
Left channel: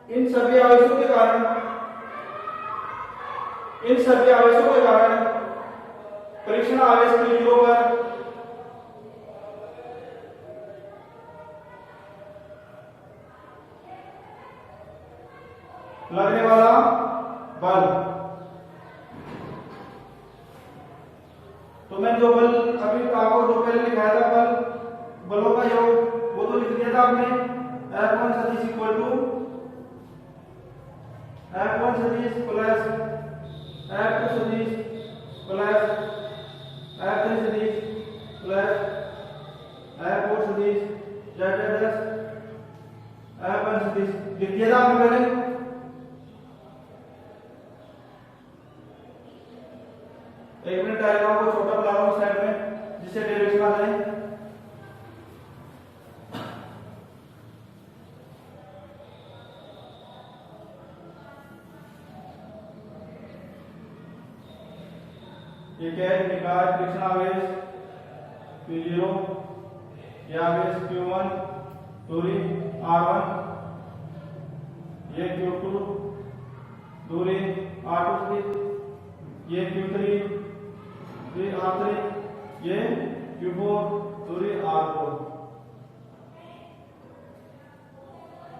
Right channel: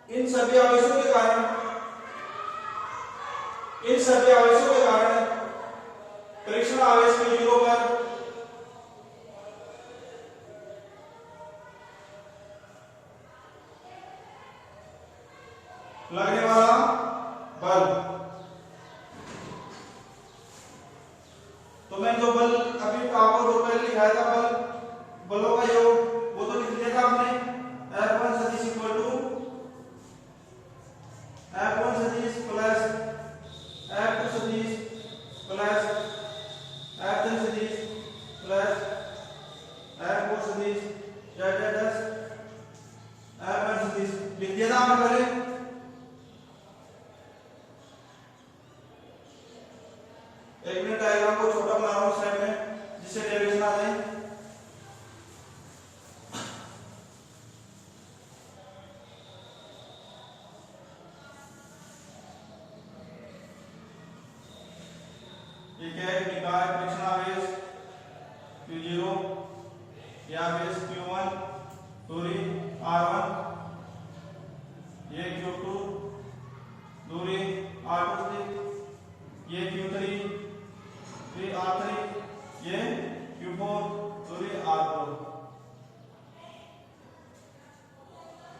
इन सभी आवेशों के कारण परीक्षण आवेश Q0 पर लगने वाला बल, तो मैं जो बल अभी आपको जो पहले लिखाया था बलों का योग, वो तो लिख लिया था आपने। F1 सदिश इक्वल टू F1 सदिश प्लस F2 सदिश प्लस F3 सदिश प्लस F4 फोर सदिश dash dash dash F N सदिश लिख दिया था आपने पहले। एक मिनट डायग्राम को छोटा बना रहा हूँ साइड में जिससे डेरिवेशन आ जाए। ये निकाय फ्रिक्शन आवेश Q0, ये आवेश Q1 दूरी R1, ये Q2 दूरी R2 ये Q3 ये R3, ये Q4 दूरी R4।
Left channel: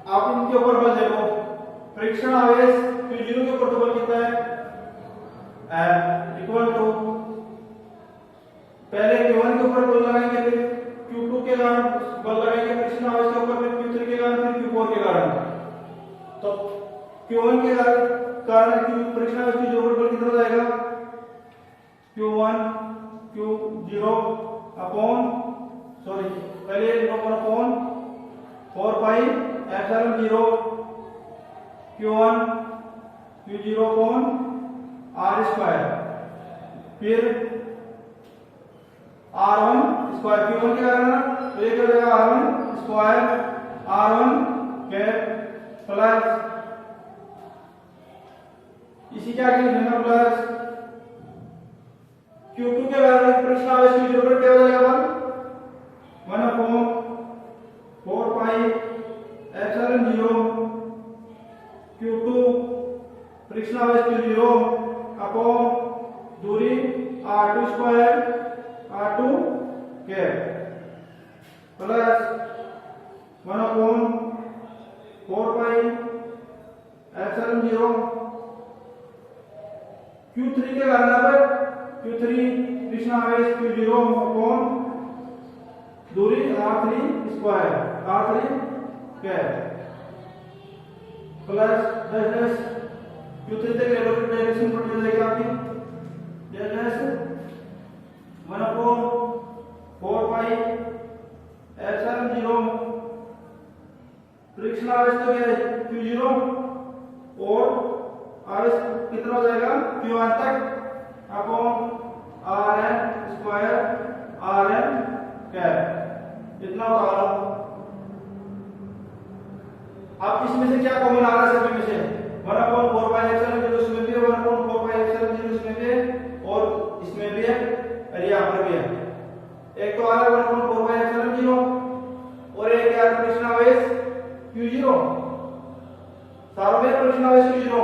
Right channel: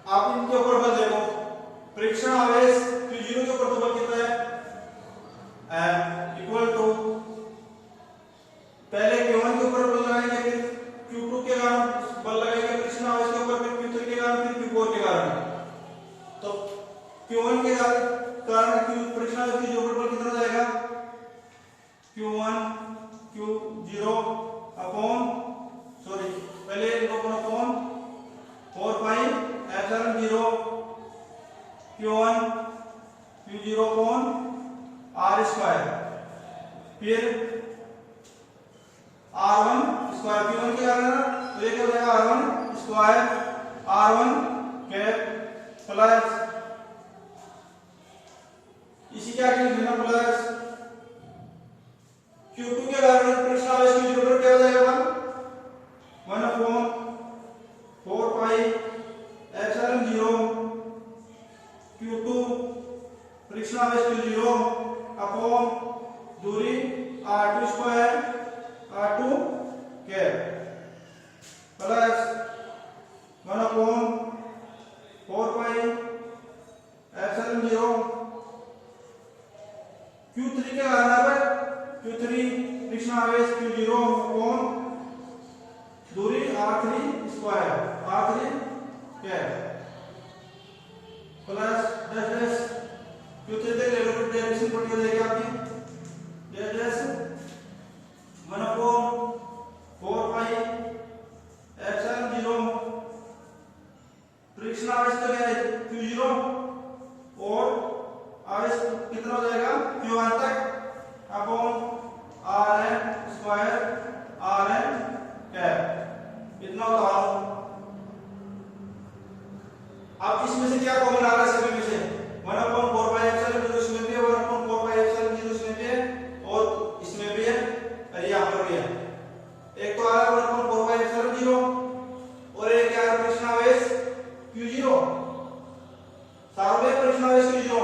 आप इनके ऊपर बल देखो, फ्रिक्शन आवेश Q0 के ऊपर तो बल कितना है F इक्वल टू पहले Q1 के ऊपर बल लगाएंगे, फिर Q2 के कारण बल लगाएंगे फ्रिक्शन आवेश के ऊपर, फिर Q3 के कारण, फिर Q4 के कारण। तो Q1 के कारण फ्रिक्शन आवेश के ऊपर बल कितना जाएगा Q1 Q0 अपॉन पहले upon 4 pi epsilon 0 Q1 Q0 upon R square, फिर R1 स्क्वायर Q1 के कारण तो ये क्या हो जाएगा R1 square R1 cap plus इसी क्या की लिखना प्लस Q2 के कारण फ्रिक्शन आवेश की जरूरत क्या हो जाएगा 1 upon 4 pi epsilon 0 Q2 friction आवेश की 0 अपॉन दूरी R2 square R2 cap plus 1 upon 4 pi epsilon 0 Q3 के कारण पर Q3 फ्रिक्शन आवेश Q0 अपॉन दूरी R3 square R3 cap plus dash dash Q3 के डायरेक्शन पर जाएगी आपकी dash dash 1 upon 4 pi epsilon 0 friction आवेश तो क्या है Q0 और आवेश कितना हो जाएगा Q1 तक upon Rn square Rn cap इतना होता है। आप इसमें से क्या कॉमन आ रहा है सभी में से 1 अपॉन 4 पाई एप्सिलॉन 0 इसमें भी है 1 अपॉन 4 पाई एप्सिलॉन 0 इसमें भी है और इसमें भी है और यहाँ पर भी है। एक तो आ रहा है 1 अपॉन 4 पाई एप्सिलॉन 0 और एक क्या है फ्रिक्शन आवेश Q0 सारों में फ्रिक्शन आवेश Q0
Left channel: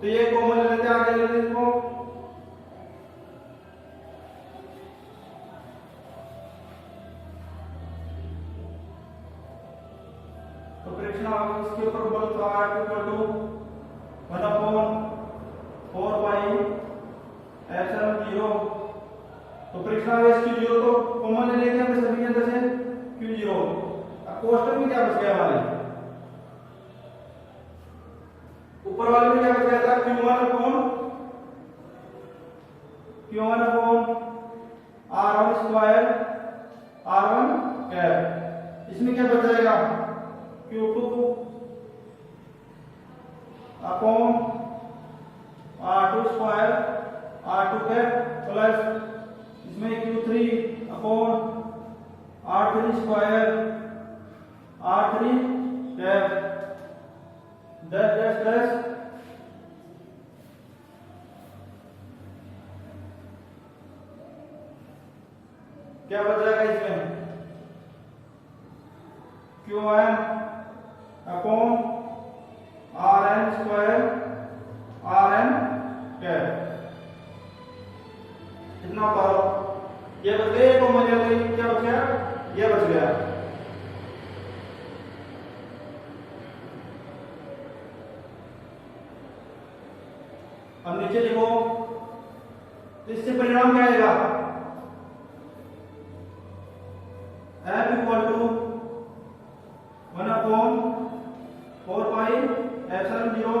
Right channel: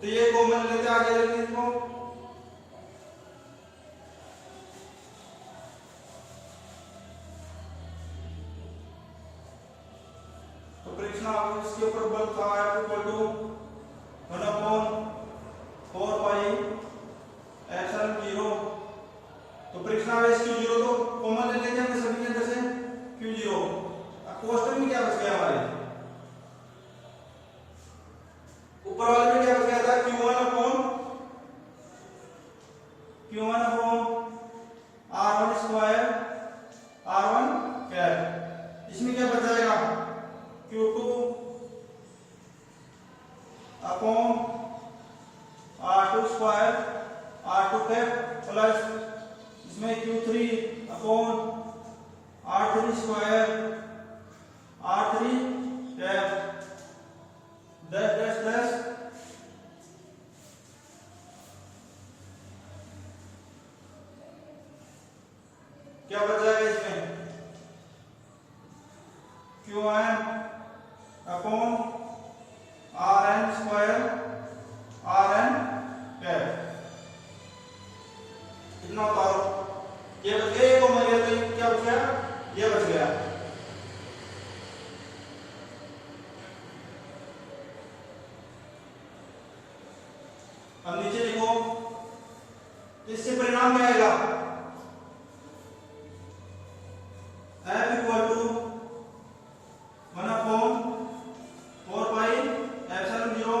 तो ये कॉमन लेते हैं आगे लेते हैं इसको तो फ्रिक्शन आवेश के ऊपर बल तो आ रहा है 1 अपॉन 4 पाई एप्सिलॉन 0 तो फ्रिक्शन आवेश Q0 तो कॉमन ले लेते हैं सभी के अंदर से Q0। अब कोष्टक में क्या बच गया हमारे ऊपर वाले में क्या बच गया था Q1 upon R1 square R1 cap इसमें क्या बच जाएगा Q2 upon R2 square R2 cap plus इसमें Q3 upon R3 square R3 cap dash dash dash क्या बच जाएगा इसमें Q1 upon Rn square Rn cap इतना पावर ये बच गया तो मान लिया तो क्या बच गया ये बच गया। अब नीचे देखो तो इससे परिणाम क्या आएगा F equal to 1 upon 4 pi epsilon 0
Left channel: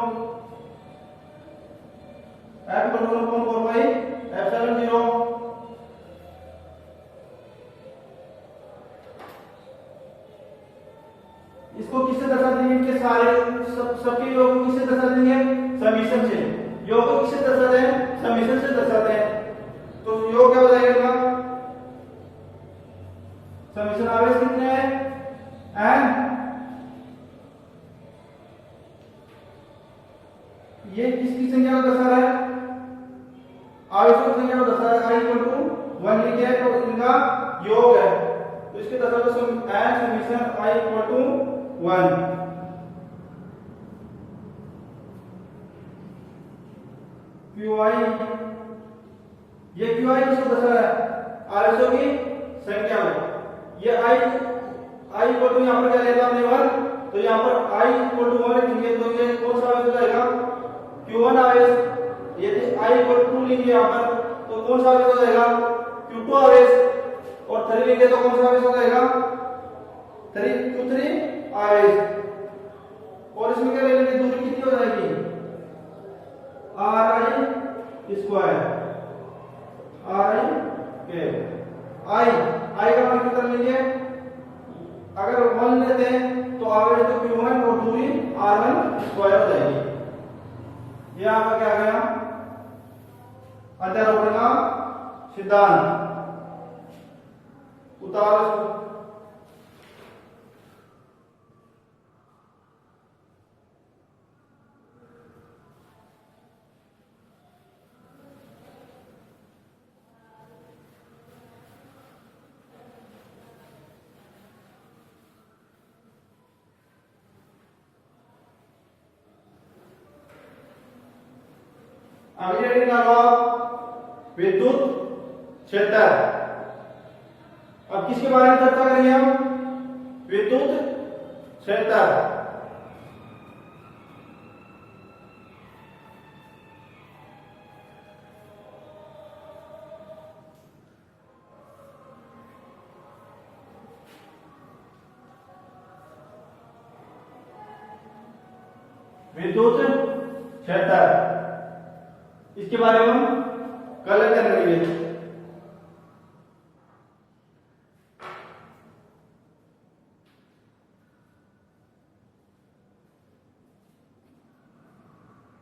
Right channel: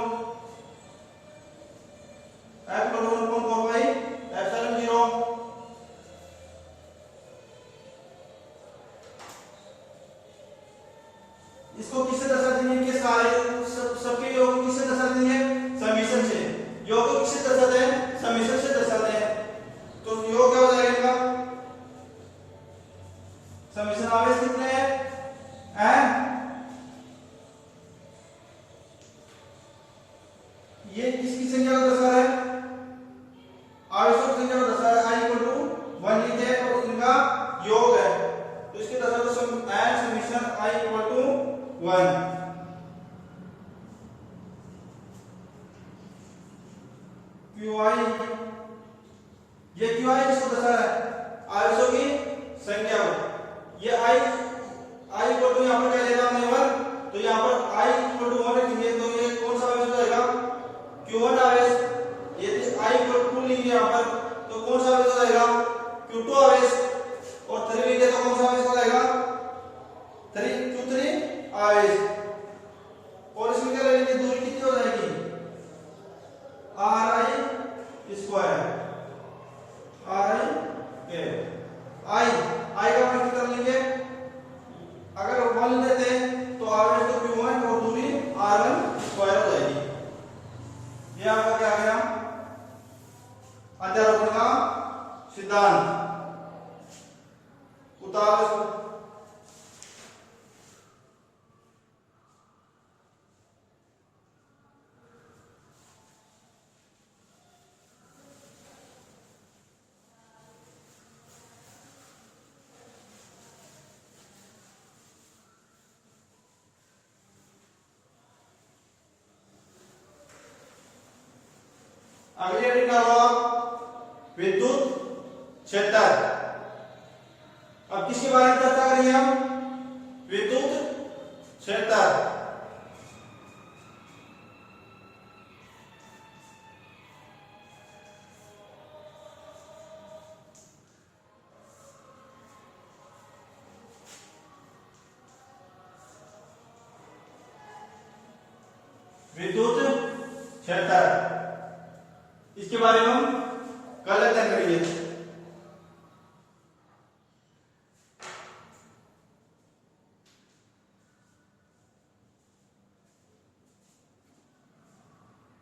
F equal to 1 upon 4 pi epsilon 0 इसको किससे दर्शा देंगे, इनके सारे सबके योग को किससे दर्शा देंगे, समीशन से। योग को किससे दर्शाते हैं, समीशन से दर्शाते हैं। तो योग क्या हो जाएगा, समीशन आवेश कितने हैं, एन, ये किसकी संख्या को दर्शा रहा है, आवेशों की संख्या को दर्शा रहा है। i इक्वल टू 1 लिखे है तो इनका योग है, तो इसके दर्शा तो N summation i equal to 1। QI, ये QI किसको दर्शा रहा है, आवेशों की संख्या को। ये i इक्वल टू यहाँ पर क्या लेगा हमने 1, तो यहाँ पर i इक्वल टू 1 लिखेंगे तो ये कौन सा आवेश हो जाएगा, Q1 आवेश। यदि i इक्वल टू 2 लिखेंगे यहाँ पर तो कौन सा आवेश हो जाएगा, Q2 आवेश। और 3 लिखेंगे तो कौन सा आवेश हो जाएगा, Q3 आवेश। और इसमें क्या लेंगे, दूरी कितनी हो जाएगी, ri स्क्वायर, i का मान कितना लेंगे, अगर 1 लेते हैं तो आवेश तो Q1 और दूरी r1 स्क्वायर हो जाएगी। ये आपका क्या गया, अध्यारोपण का सिद्धांत। उतार अगली रीडिंग निकालो, विद्युत क्षेत्र। अब किसके बारे में चर्चा करेंगे हम, विद्युत क्षेत्र। विद्युत क्षेत्र, इसके बारे में हम कल अध्ययन करेंगे।